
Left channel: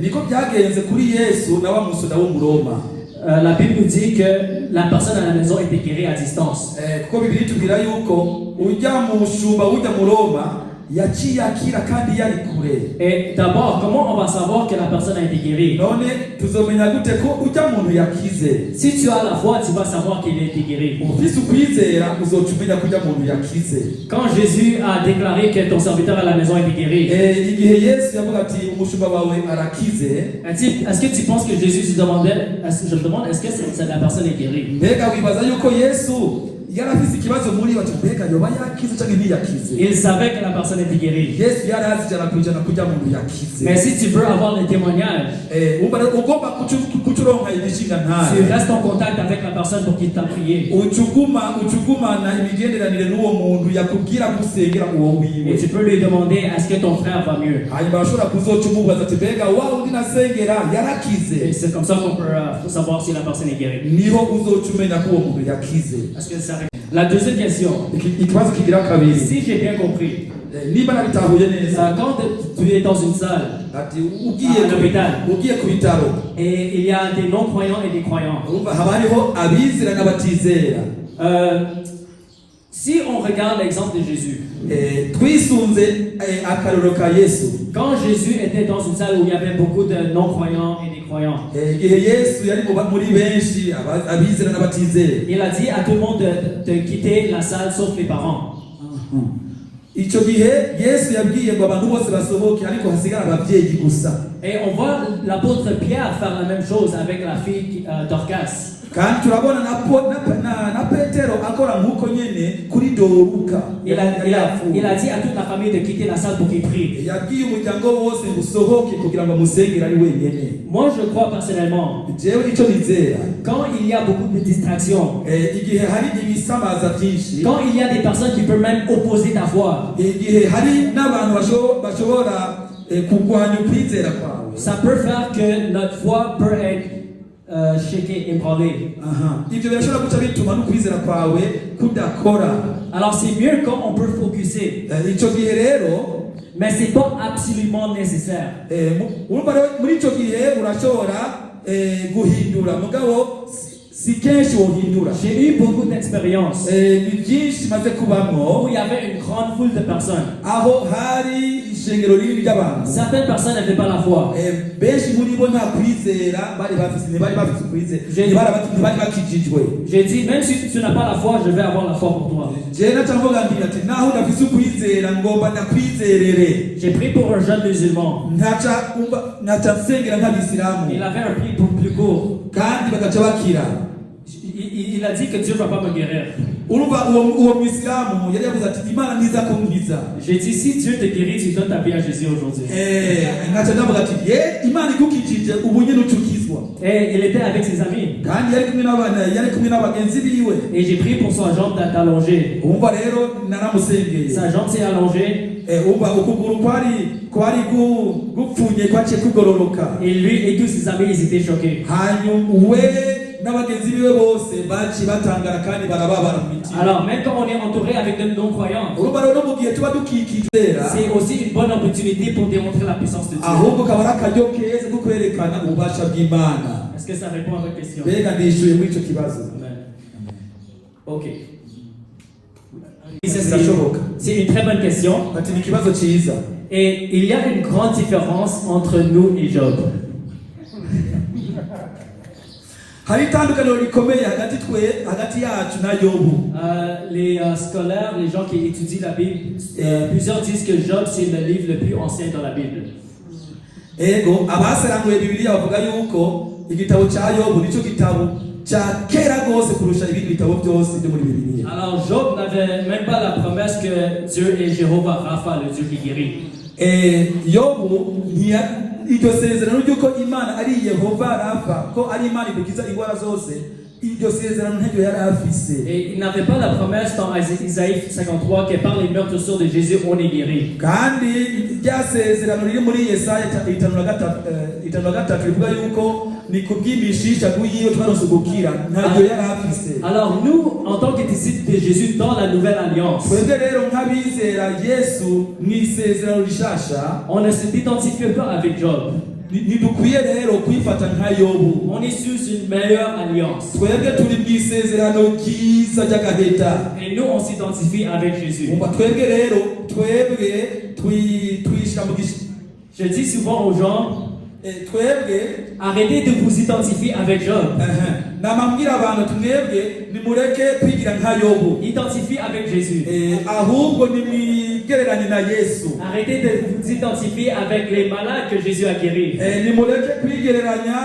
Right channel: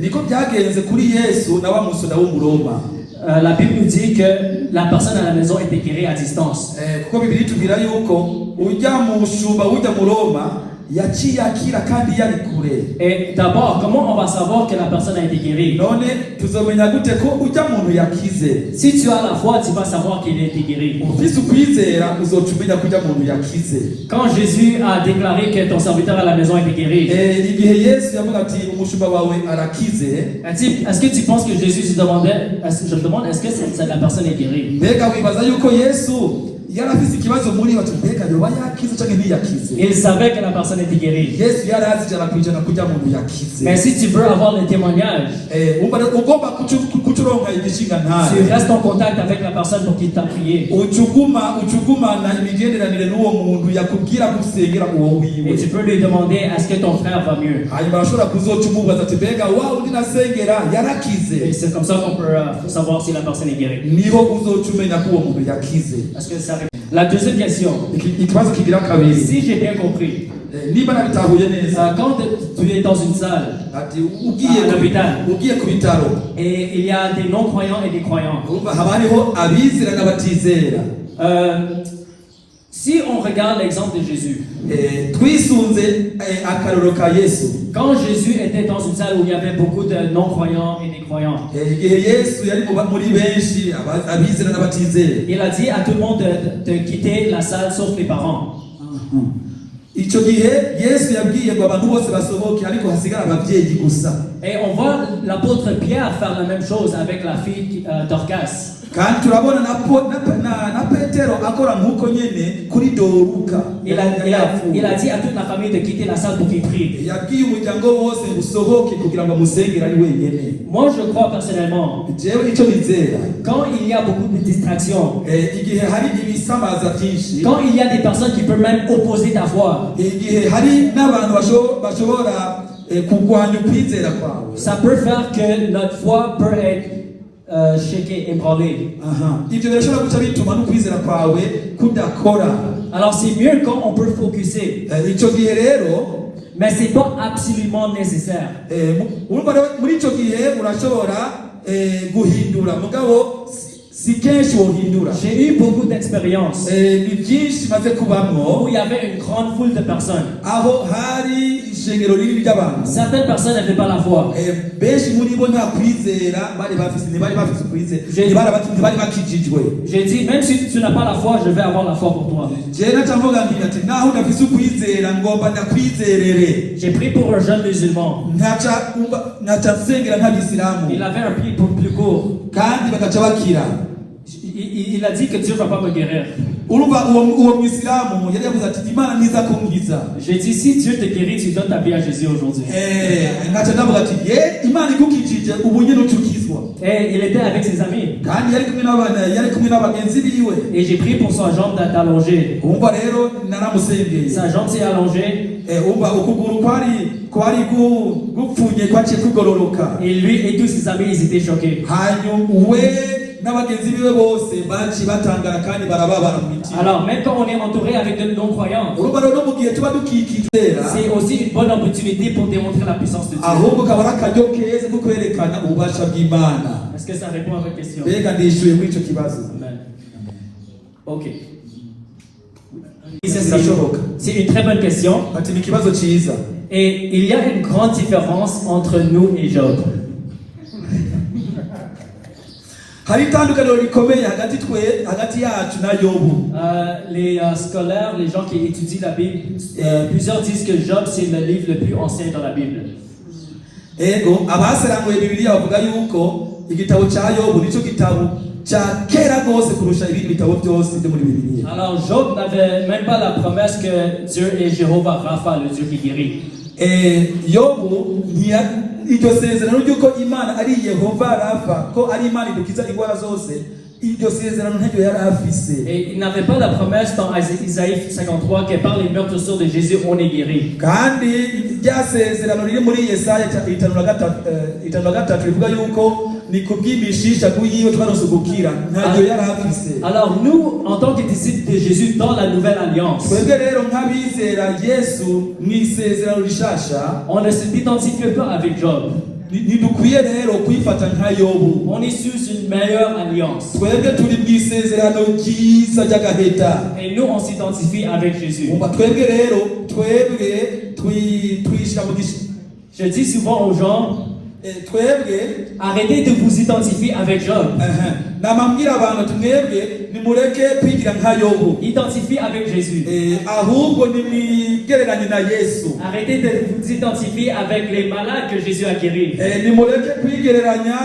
niko byagenze kuri Yesu na wa musoda w'Umuroma. La Bible nous dit que la personne à la maison était guérie à distance. Kuko Bibiliya itubwira yuko ujya mu mushumba ujya mu Roma yaciye akira kandi yari kure. Et d'abord, comment on va savoir que la personne a été guérie? None tuzomenya gute ko ujya muntu yakize? Si tu as la foi, tu vas savoir qu'il a été guéri. Ufise ukwizera uzocumenya ko ujya muntu yakize. Quand Jésus a déclaré que ton serviteur à la maison a été guéri, Igihe Yesu yavuga ati umushumba wawe arakize, est-ce que tu penses que Jésus se demandait, je me demande, est-ce que la personne est guérie? mbega wibaza yuko Yesu yari afise ikibazo muri bati mbega yoba yakize cyangwa ntiyakize? Il savait que la personne était guérie. Yesu yari azi ijana ku ijana ko ujya muntu yakize. Mais si tu veux avoir des témoignages, ugomba kucuronka imishinga tu ntayo, restes en contact avec la personne pour qu'il t'a prié. ucugumana imigenderanire n'uwo muntu yakubwira gusengera uwo Et wiwe, tu peux lui demander, est-ce que ton frère va mieux? hanyuma arashobora kuzoca umubaza ati mbega wa undi nasengera Et yarakize? c'est comme ça qu'on peut savoir si la personne est guérie. niho uzoca umenya ko uwo muntu yakize. Parce que ça... La deuxième question, Ikibazo kigira kabiri, si j'ai bien compris, niba nabitahuye neza, quand tu es dans une salle ati ugiye ku bitaro et il y a des non-croyants et des croyants, haba hariho abizera n'abatizera. si on regarde l'exemple de Jésus, twisunze akarorero ka Yesu, quand Jésus était dans une salle où il y avait beaucoup de non-croyants et des croyants, igihe Yesu yari muri benshi abizera n'abatizera, il a dit à tout le monde de quitter la salle sauf les parents. icyo gihe Yesu yabwiye ngo abantu bose basohoke ariko hasigara ababyeyi gusa. Et on voit l'apôtre Pierre faire la même chose avec la fille Dorcas. kandi turabona na Petero akora nk'uko nyene kuri Doruka. Il a dit à toute la famille de quitter la salle pour qu'il prie. yabwiye umuryango wose usohoke kugira ngo musengere ari wenyene. Moi, je crois personnellement, jewe icyo nizera, quand il y a beaucoup de distractions, igihe hari ibisamaza byinshi, quand il y a des personnes qui peuvent même opposer ta foi, igihe hari n'abantu bashobora kurwanya ukwizera kwawe, ça peut faire que notre foi peut être shakée, ébranlée. ibyo birashobora guca bituma n'ukwizera kwawe kudakora. Alors c'est mieux quand on peut focuser, icyo gihe rero, mais c'est pas absolument nécessaire. muri icyo gihe urashobora guhindura, mugabo si kenshi wohindura. J'ai eu beaucoup d'expériences ni byinshi maze kubamwo où il y avait une grande foule de personnes. aho hari ishengero rinini ry'abantu, Certaines personnes n'avaient pas la foi. benshi muri bo nta kwizera bari bafise ukwizera, ntibari bakijijwe. J'ai dit, même si tu n'as pas la foi, je vais avoir la foi pour toi. jewe nacavuga nti ati naho udafise ukwizera ngomba ndakwizerere. J'ai prié pour un jeune musulman. naca nsengera nk'abisilamu Il avait un prix plus court. kandi bagaca bakira. Il a dit que Dieu ne va pas me guérir. urumva uwo mwisilamu yari yavuze ati imana ntiza kunkiza. J'ai dit, si Dieu te guérit, tu donnes ta vie à Jésus aujourd'hui. naca ndavuga ati imana igukijije ubu nyine ucukizwa. Et il était avec ses amis. kandi yari kumwe n'abagenzi biwe. Et j'ai prié pour sa jambe d'allonger. umva rero naramusengeye. Sa jambe s'est allongée. umva ukuguru kwari gupfunye kwaciye kugororoka. Et lui et tous ses amis, ils étaient choqués. hanyuma we n'abagenzi biwe bose baciye batangara kandi barababara mu mitima. Alors, même quand on est entouré avec de non-croyants, urumva rero mu gihe tuba dukikizera, c'est aussi une bonne opportunité pour démontrer la puissance de Dieu. ahubwo kaba ari akaryo keza ko kwerekana ububasha bw'Imana. Est-ce que ça répond à votre question? mbega ndishyuye muri icyo kibazo. Ok. C'est une très bonne question. ati ni ikibazo cyiza. Et il y a une grande différence entre nous et Job. hari itandukaniro rikomeye hagati yacu na Yobu. Les scolaires, les gens qui étudient la Bible, plusieurs disent que Job c'est le livre le plus ancien dans la Bible. ego abaseranuye Bibiliya bavuga yuko igitabo cya Yobu nicyo gitabo cya kera rwose kurusha ibindi bitabo byose byo muri Bibiliya. Alors Job n'avait même pas la promesse que Dieu est Jéhovah Rapha, le Dieu qui guérit. Yobu iryo sezerano ry'uko Imana ari Yehova Rafa, ko ari Imana idukiza indwara zose, iryo sezerano ntabyo yari afise. Et il n'avait pas la promesse dans Isaïe 53 que par les meurtrissures de Jésus on est guéri. kandi rya sezerano riri muri Yesaya 53 rivuga yuko ni kubwimishisha kuyiyo twaronse gukira ntabyo yari afise. Alors nous, en tant que disciples de Jésus dans la nouvelle alliance, twebwe rero nk'abizera Yesu mw'isezerano rishasha, on ne s'identifie pas avec Job. ntidukwiye rero kwifata nka Yobu. On est sur une meilleure alliance. twebwe turi mw'isezerano ryiza ry'agaheta. Et nous, on s'identifie avec Jésus. twebwe rero twishira mu gishi. Je dis souvent aux gens, twebwe arrêtez de vous identifier avec Job. namambwira abantu twebwe nimureke kwigira nka Yobu. Identifiez avec Jésus. ahubwo nimwigereranye na Yesu. Arrêtez de vous identifier avec les malades que Jésus a guéris. nimureke kwigereranya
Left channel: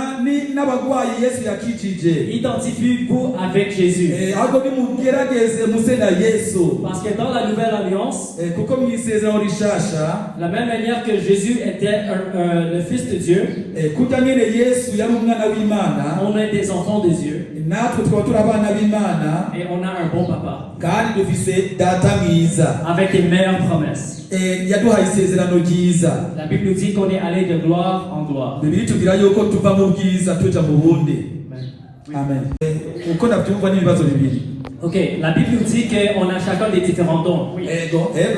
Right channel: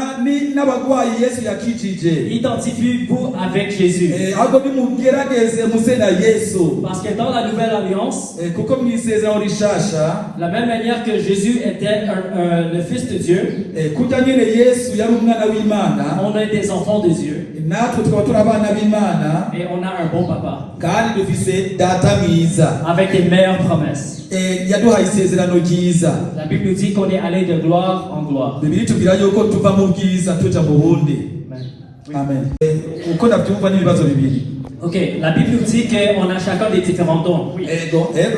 n'abagwayi Yesu yakijije. Identifiez-vous avec Jésus. ahubwo nimugerageze muse na Yesu. Parce que dans la nouvelle alliance, kuko mw'isezerano rishasha, la même manière que Jésus était le Fils de Dieu, kuko nyine Yesu yari umwana w'Imana, on est des enfants de Dieu. natwe tukaba turi abana b'Imana, Et on a un bon papa. kandi dufise data mwiza. Avec les meilleures promesses. yaduhaye isezerano ryiza. La Bible nous dit qu'on est allé de gloire en gloire. Bibiri tubwira yuko tuva mu bwiza tuja mu bundi. Amen. uko ndabyumva n'ibibazo bibiri. Ok, la Bible nous dit qu'on a chacun des différents dons.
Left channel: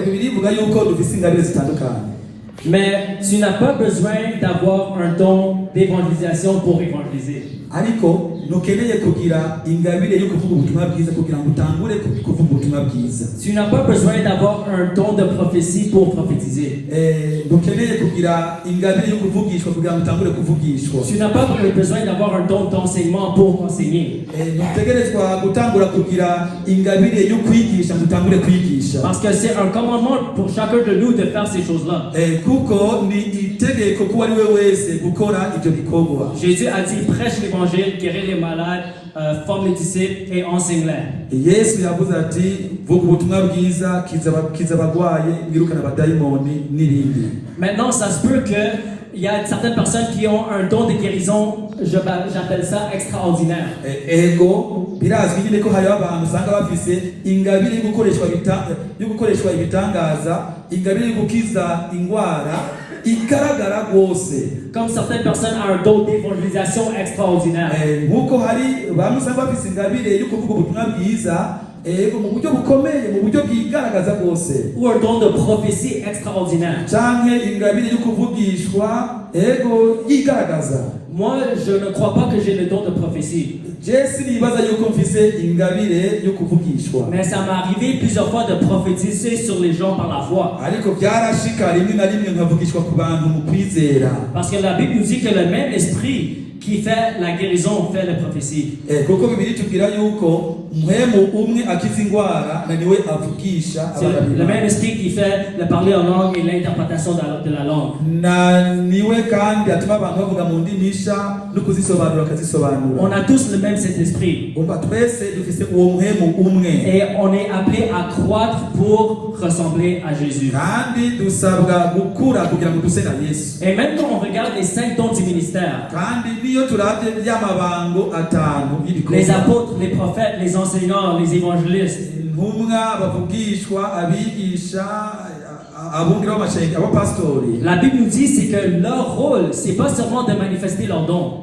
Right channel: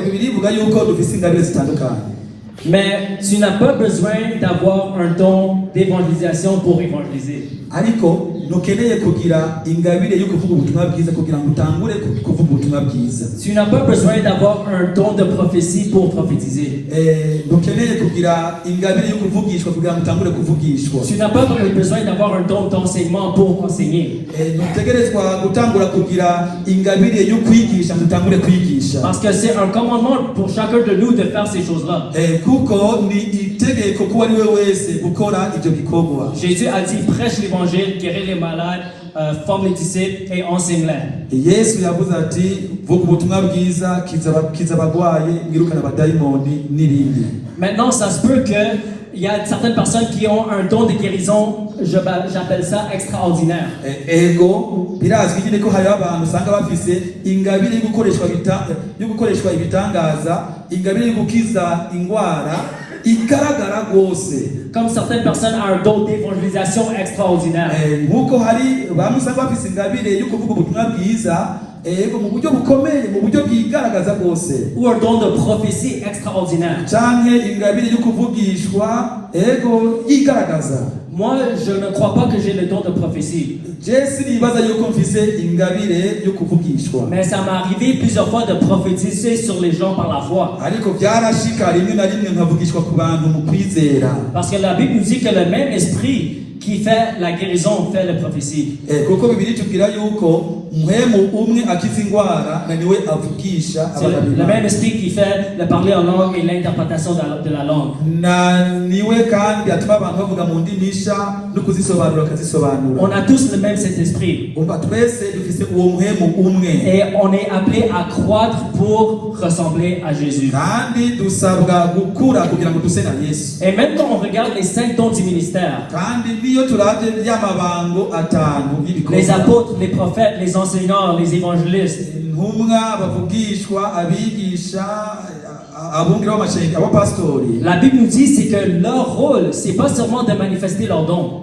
Bibiri ivuga yuko dufise ingabire zitandukanye. Mais tu n'as pas besoin d'avoir un don d'évangélisation pour évangéliser. ariko ntukeneye kugira ingabire yo kuvuga ubutumwa bwiza kugira ngo utangure kuvuga ubutumwa bwiza. Tu n'as pas besoin d'avoir un don de prophétie pour prophétiser. ntukeneye kugira ingabire yo kuvugishwa kugira ngo utangure kuvugishwa. Tu n'as pas besoin d'avoir un don d'enseignement pour enseigner. ntutegerezwa gutangura kugira ingabire yo kwigisha ngo utangure kwigisha. Parce que c'est un commandement pour chacun de nous de faire ces choses-là. kuko ni itegeko kuba ari we wese gukora ibyo bikorwa. Jésus a dit prêche l'évangile, guéris les malades, forme les disciples et enseigne-les. Yesu yavuze ati vuga ubutumwa bwiza, kiza abagwaye, mwirukana abadayimoni n'ibindi. Maintenant, ça se peut que il y a certaines personnes qui ont un don de guérison, j'appelle ça extraordinaire. Ego birazwi nyine ko hari abantu usanga bafise ingabire yo gukoreshwa ibitangaza, ingabire yo gukiza indwara igaragara rwose. Comme certaines personnes ont un don d'évangélisation extraordinaire. Nkuko hari abantu usanga bafise ingabire yo kuvuga ubutumwa bwiza mu buryo bukomeye, mu buryo bwigaragaza rwose. Ou un don de prophétie extraordinaire. Canke ingabire yo kuvugishwa yigaragaza. Moi, je ne crois pas que j'ai le don de prophétie. Mais ça m'est arrivé plusieurs fois de prophétiser sur les gens par la foi. Parce que la Bible nous dit que le même esprit qui fait la guérison fait la prophétie. C'est le même esprit qui fait le parler en langue et l'interprétation de la langue. On a tous le même Saint-Esprit. Et on est appelé à croître pour ressembler à Jésus. Et maintenant on regarde les 5 dons du ministère. Les apôtres, les prophètes, les enseignants, les évangélistes. La Bible nous dit c'est que leur rôle, c'est pas seulement de manifester leurs dons.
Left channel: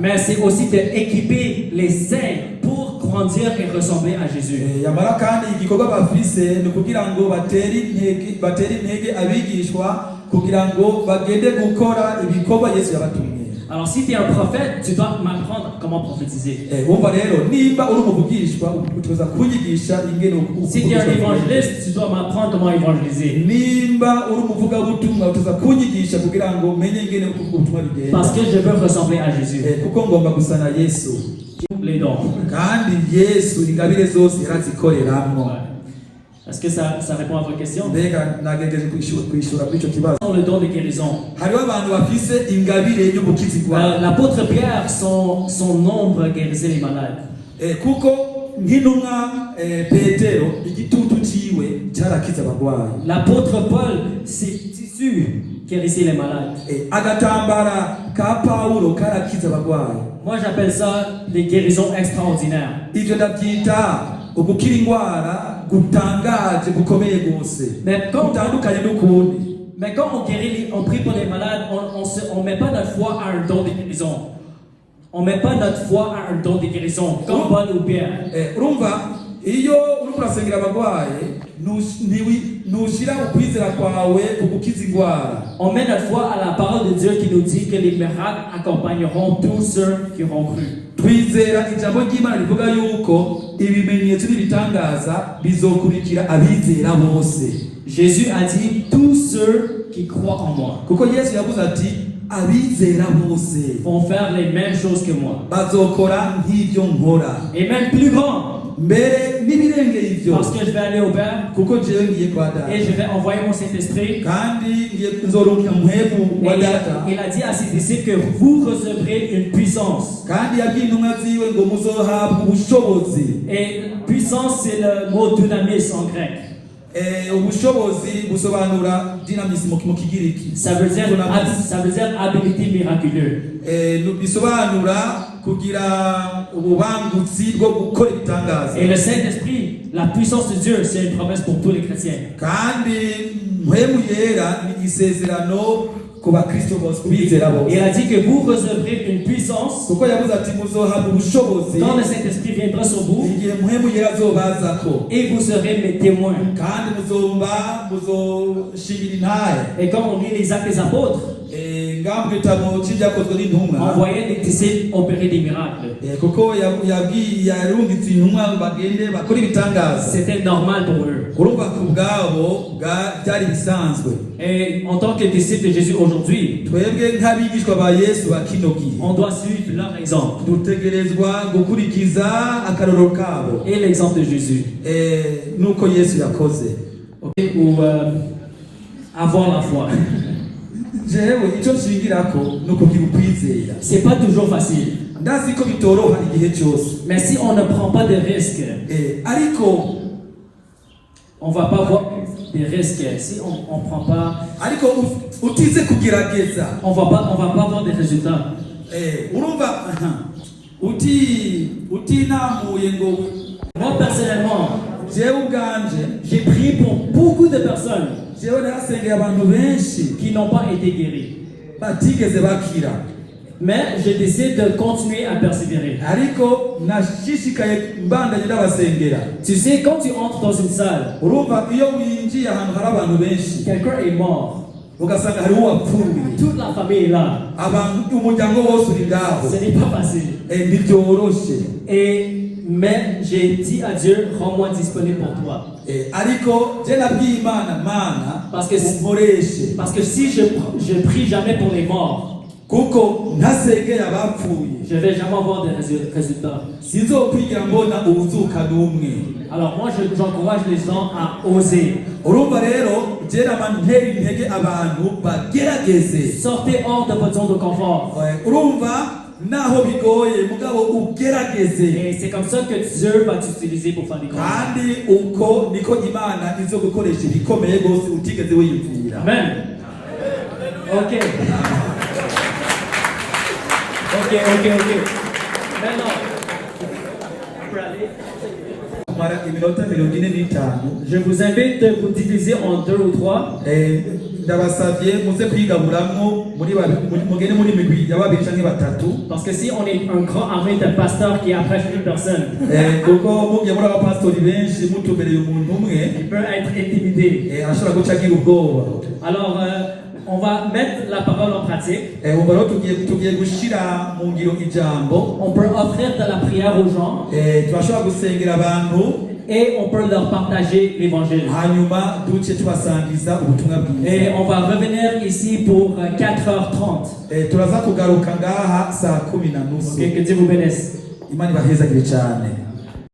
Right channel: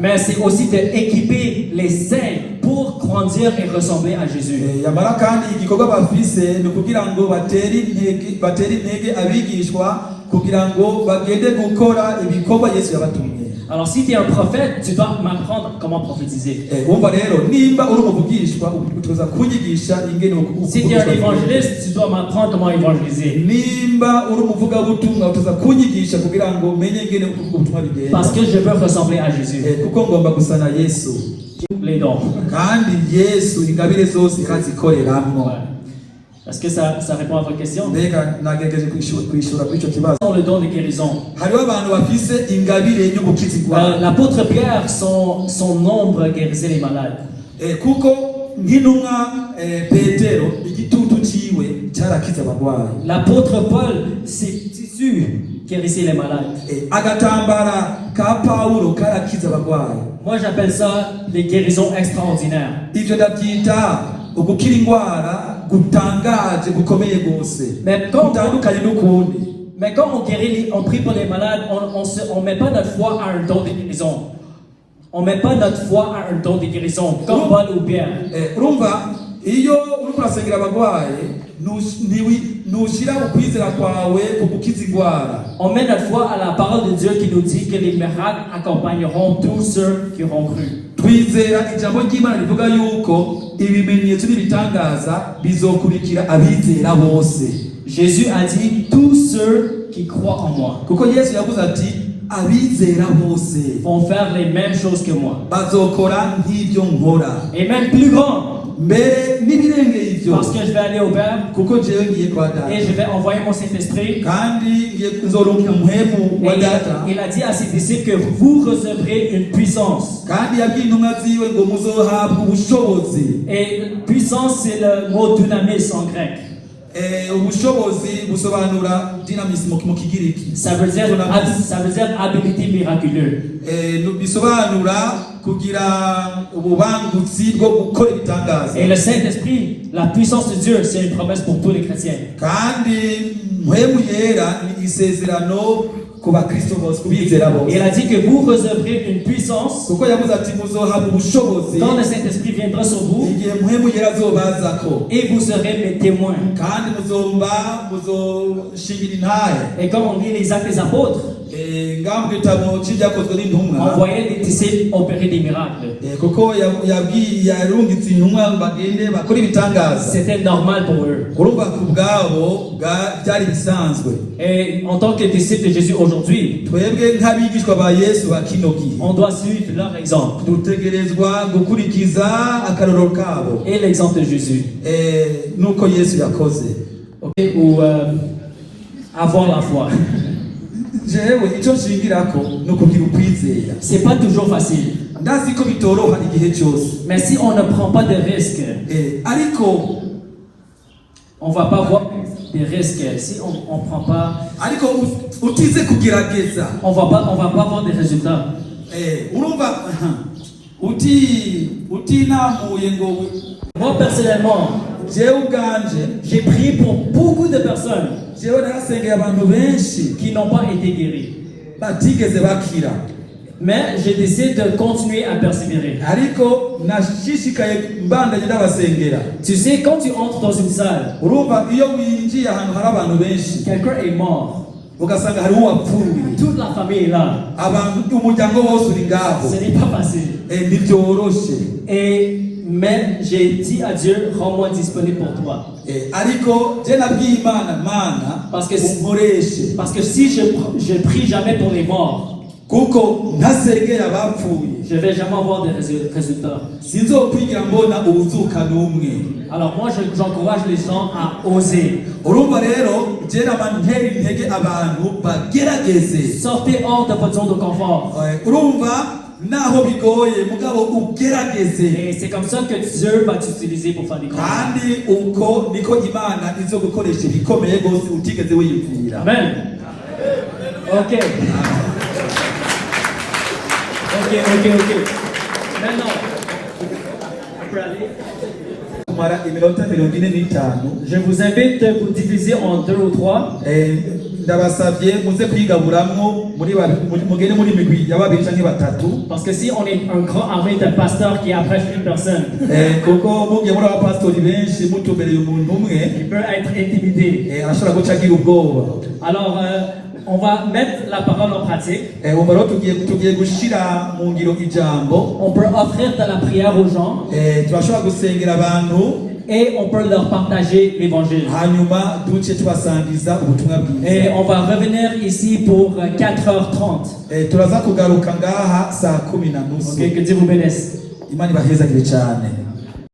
Mais c'est aussi d'équiper les saints pour grandir et ressembler à Jésus. Alors si tu es un prophète, tu dois m'apprendre comment prophétiser. Si tu es un évangéliste, tu dois m'apprendre comment évangéliser. Parce que je veux ressembler à Jésus. Les dons. Est-ce que ça répond à votre question? Le don de guérison. L'apôtre Pierre, son ombre guérissait les malades. L'apôtre Paul, ses tissus guérissaient les malades. Moi j'appelle ça des guérisons extraordinaires. gutangaje gukomeye gose Mais quand- gutandukanye n'ukundi. Mais quand on prie pour les malades, on met pas notre foi à un don de guérison. On met pas notre foi à un don de guérison, comme Paul ou Pierre. Urumva iyo uriko urasengera abagwayi ntushira ukwizera kwawe ku gukiza indwara. On met notre foi à la parole de Dieu qui nous dit que les miracles accompagneront tous ceux qui auront cru. Twizera ijambo ry'Imana rivuga yuko ibimenyetso n'ibitangaza bizokurikira abizera bose. Jésus a dit tous ceux qui croient en moi Kuko Yesu yavuze ati abizera bose vont faire les mêmes choses que moi. bazokora nk'ibyo nkora, Et même plus grand, mbere n'ibirengeye ivyo, parce que je vais aller au Père kuko jewe ngiye kwa et Data je vais envoyer mon Saint-Esprit. kandi ngiye kuzoronka mpwemu Et wa Data. il a dit à ses disciples que vous recevrez une puissance. Kandi yabwiye intumwa ziwe ngo muzohabwa ubushobozi. Et puissance, c'est le mot dunamis en grec. Ubushobozi busobanura dynamisme mu kigiriki. Ça veut dire habilité miraculeuse. Bisobanura kugira ububangutsi bwo gukora ibitangaza. Et le Saint-Esprit, la puissance de Dieu, c'est une promesse pour tous les chrétiens. Kandi mpwemu yera ni isezerano ku bakristo bose, kubizera bose. Il a dit que vous recevrez une puissance Kuko yavuze ati muzohabwa ubushobozi quand le Saint-Esprit viendra sur vous igihe mpwemu yera azobazako, et vous serez mes témoins. kandi muzoshingira intahe. Et comme on lit les actes des apôtres, Ngaho mu gitabo cy'ibyakozwe n'intumwa, on voyait les disciples opérer des miracles. kuko yarungitse intumwa bagende bakora ibitangaza. C'était normal pour eux. Urumva ku bwabo byari bisanzwe. Et en tant que disciples de Jésus aujourd'hui, Twebwe nk'abigishwa ba Yesu ba kino gihe on doit suivre leur exemple dutegerezwa gukurikiza akarorero kabo, et l'exemple de Jésus. nuko Yesu yakoze. Ok, ou avoir la foi. Jewe icyo nshingirako ni ukugira ukwizera. C'est pas toujours facile. Ndazi ko bitoroha igihe cyose, Mais si on ne prend pas de risques, ariko on va pas avoir des risques. Si on ne prend pas, utize kugerageza, on va pas avoir des résultats. urumva utinamuye ngo Moi personnellement, jewe ubwanje j'ai prié pour beaucoup de personnes jewe narasengera abantu benshi qui n'ont pas été guéries. batigeze bakira, Mais je décide de continuer à persévérer. ariko nashishikaye mbandanye n'abasengera. Tu sais, quand tu entres dans une salle, Urumva iyo winjiye ahantu hari abantu benshi quelqu'un est mort, ugasanga hariho uwapfuye, toute la famille est là. abantu umuryango wose uri ngaho, Ce n'est pas facile. ntibyoroshe. Mais j'ai dit à Dieu, rends-moi disponible pour toi. Ariko je nabwiye Imana, Mana Parce que unkoreshe, si je prie jamais pour les morts, kuko ntasengera abapfuye je vais jamais avoir de résultats. sinzokwigira mbona ubuzuka n'umwe. Alors moi, j'encourage les gens à oser. Urumva rero je ntera intege abantu bagerageze. Sortez hors de votre zone de confort. Urumva naho bigoye mugabo ugerageze, Et c'est comme ça que Dieu va t'utiliser pour faire des choses. kandi uko niko Imana izo gukoresha ibikomeye rwose utigeze wiyipfira. Amen. Ok. Maintenant, on peut aller. Kumara iminota 45. Je vous invite de vous diviser en 2 ou 3. Ndabasabye muze kwigaburamwo mugende muri migwi ya babiri canke batatu, Parce que si on est un grand armée de pasteurs qui apprêchent une personne, kuko mugiye muri abapastori benshi mutumereye umuntu umwe il peut être intimidé. ashobora guca agira ubwoba. Alors, on va mettre la parole en pratique. Ubu rero tugiye gushira mu ngiro ijambo. On peut offrir de la prière aux gens Turashobora gusengera abantu et on peut leur partager l'évangile. hanyuma duce twasangiza ubutumwa bwiza. Et on va revenir ici pour 4h30. Turaza kugaruka ngaha saa 10:30. Et que Dieu vous bénisse. Imana ibahezagire cyane.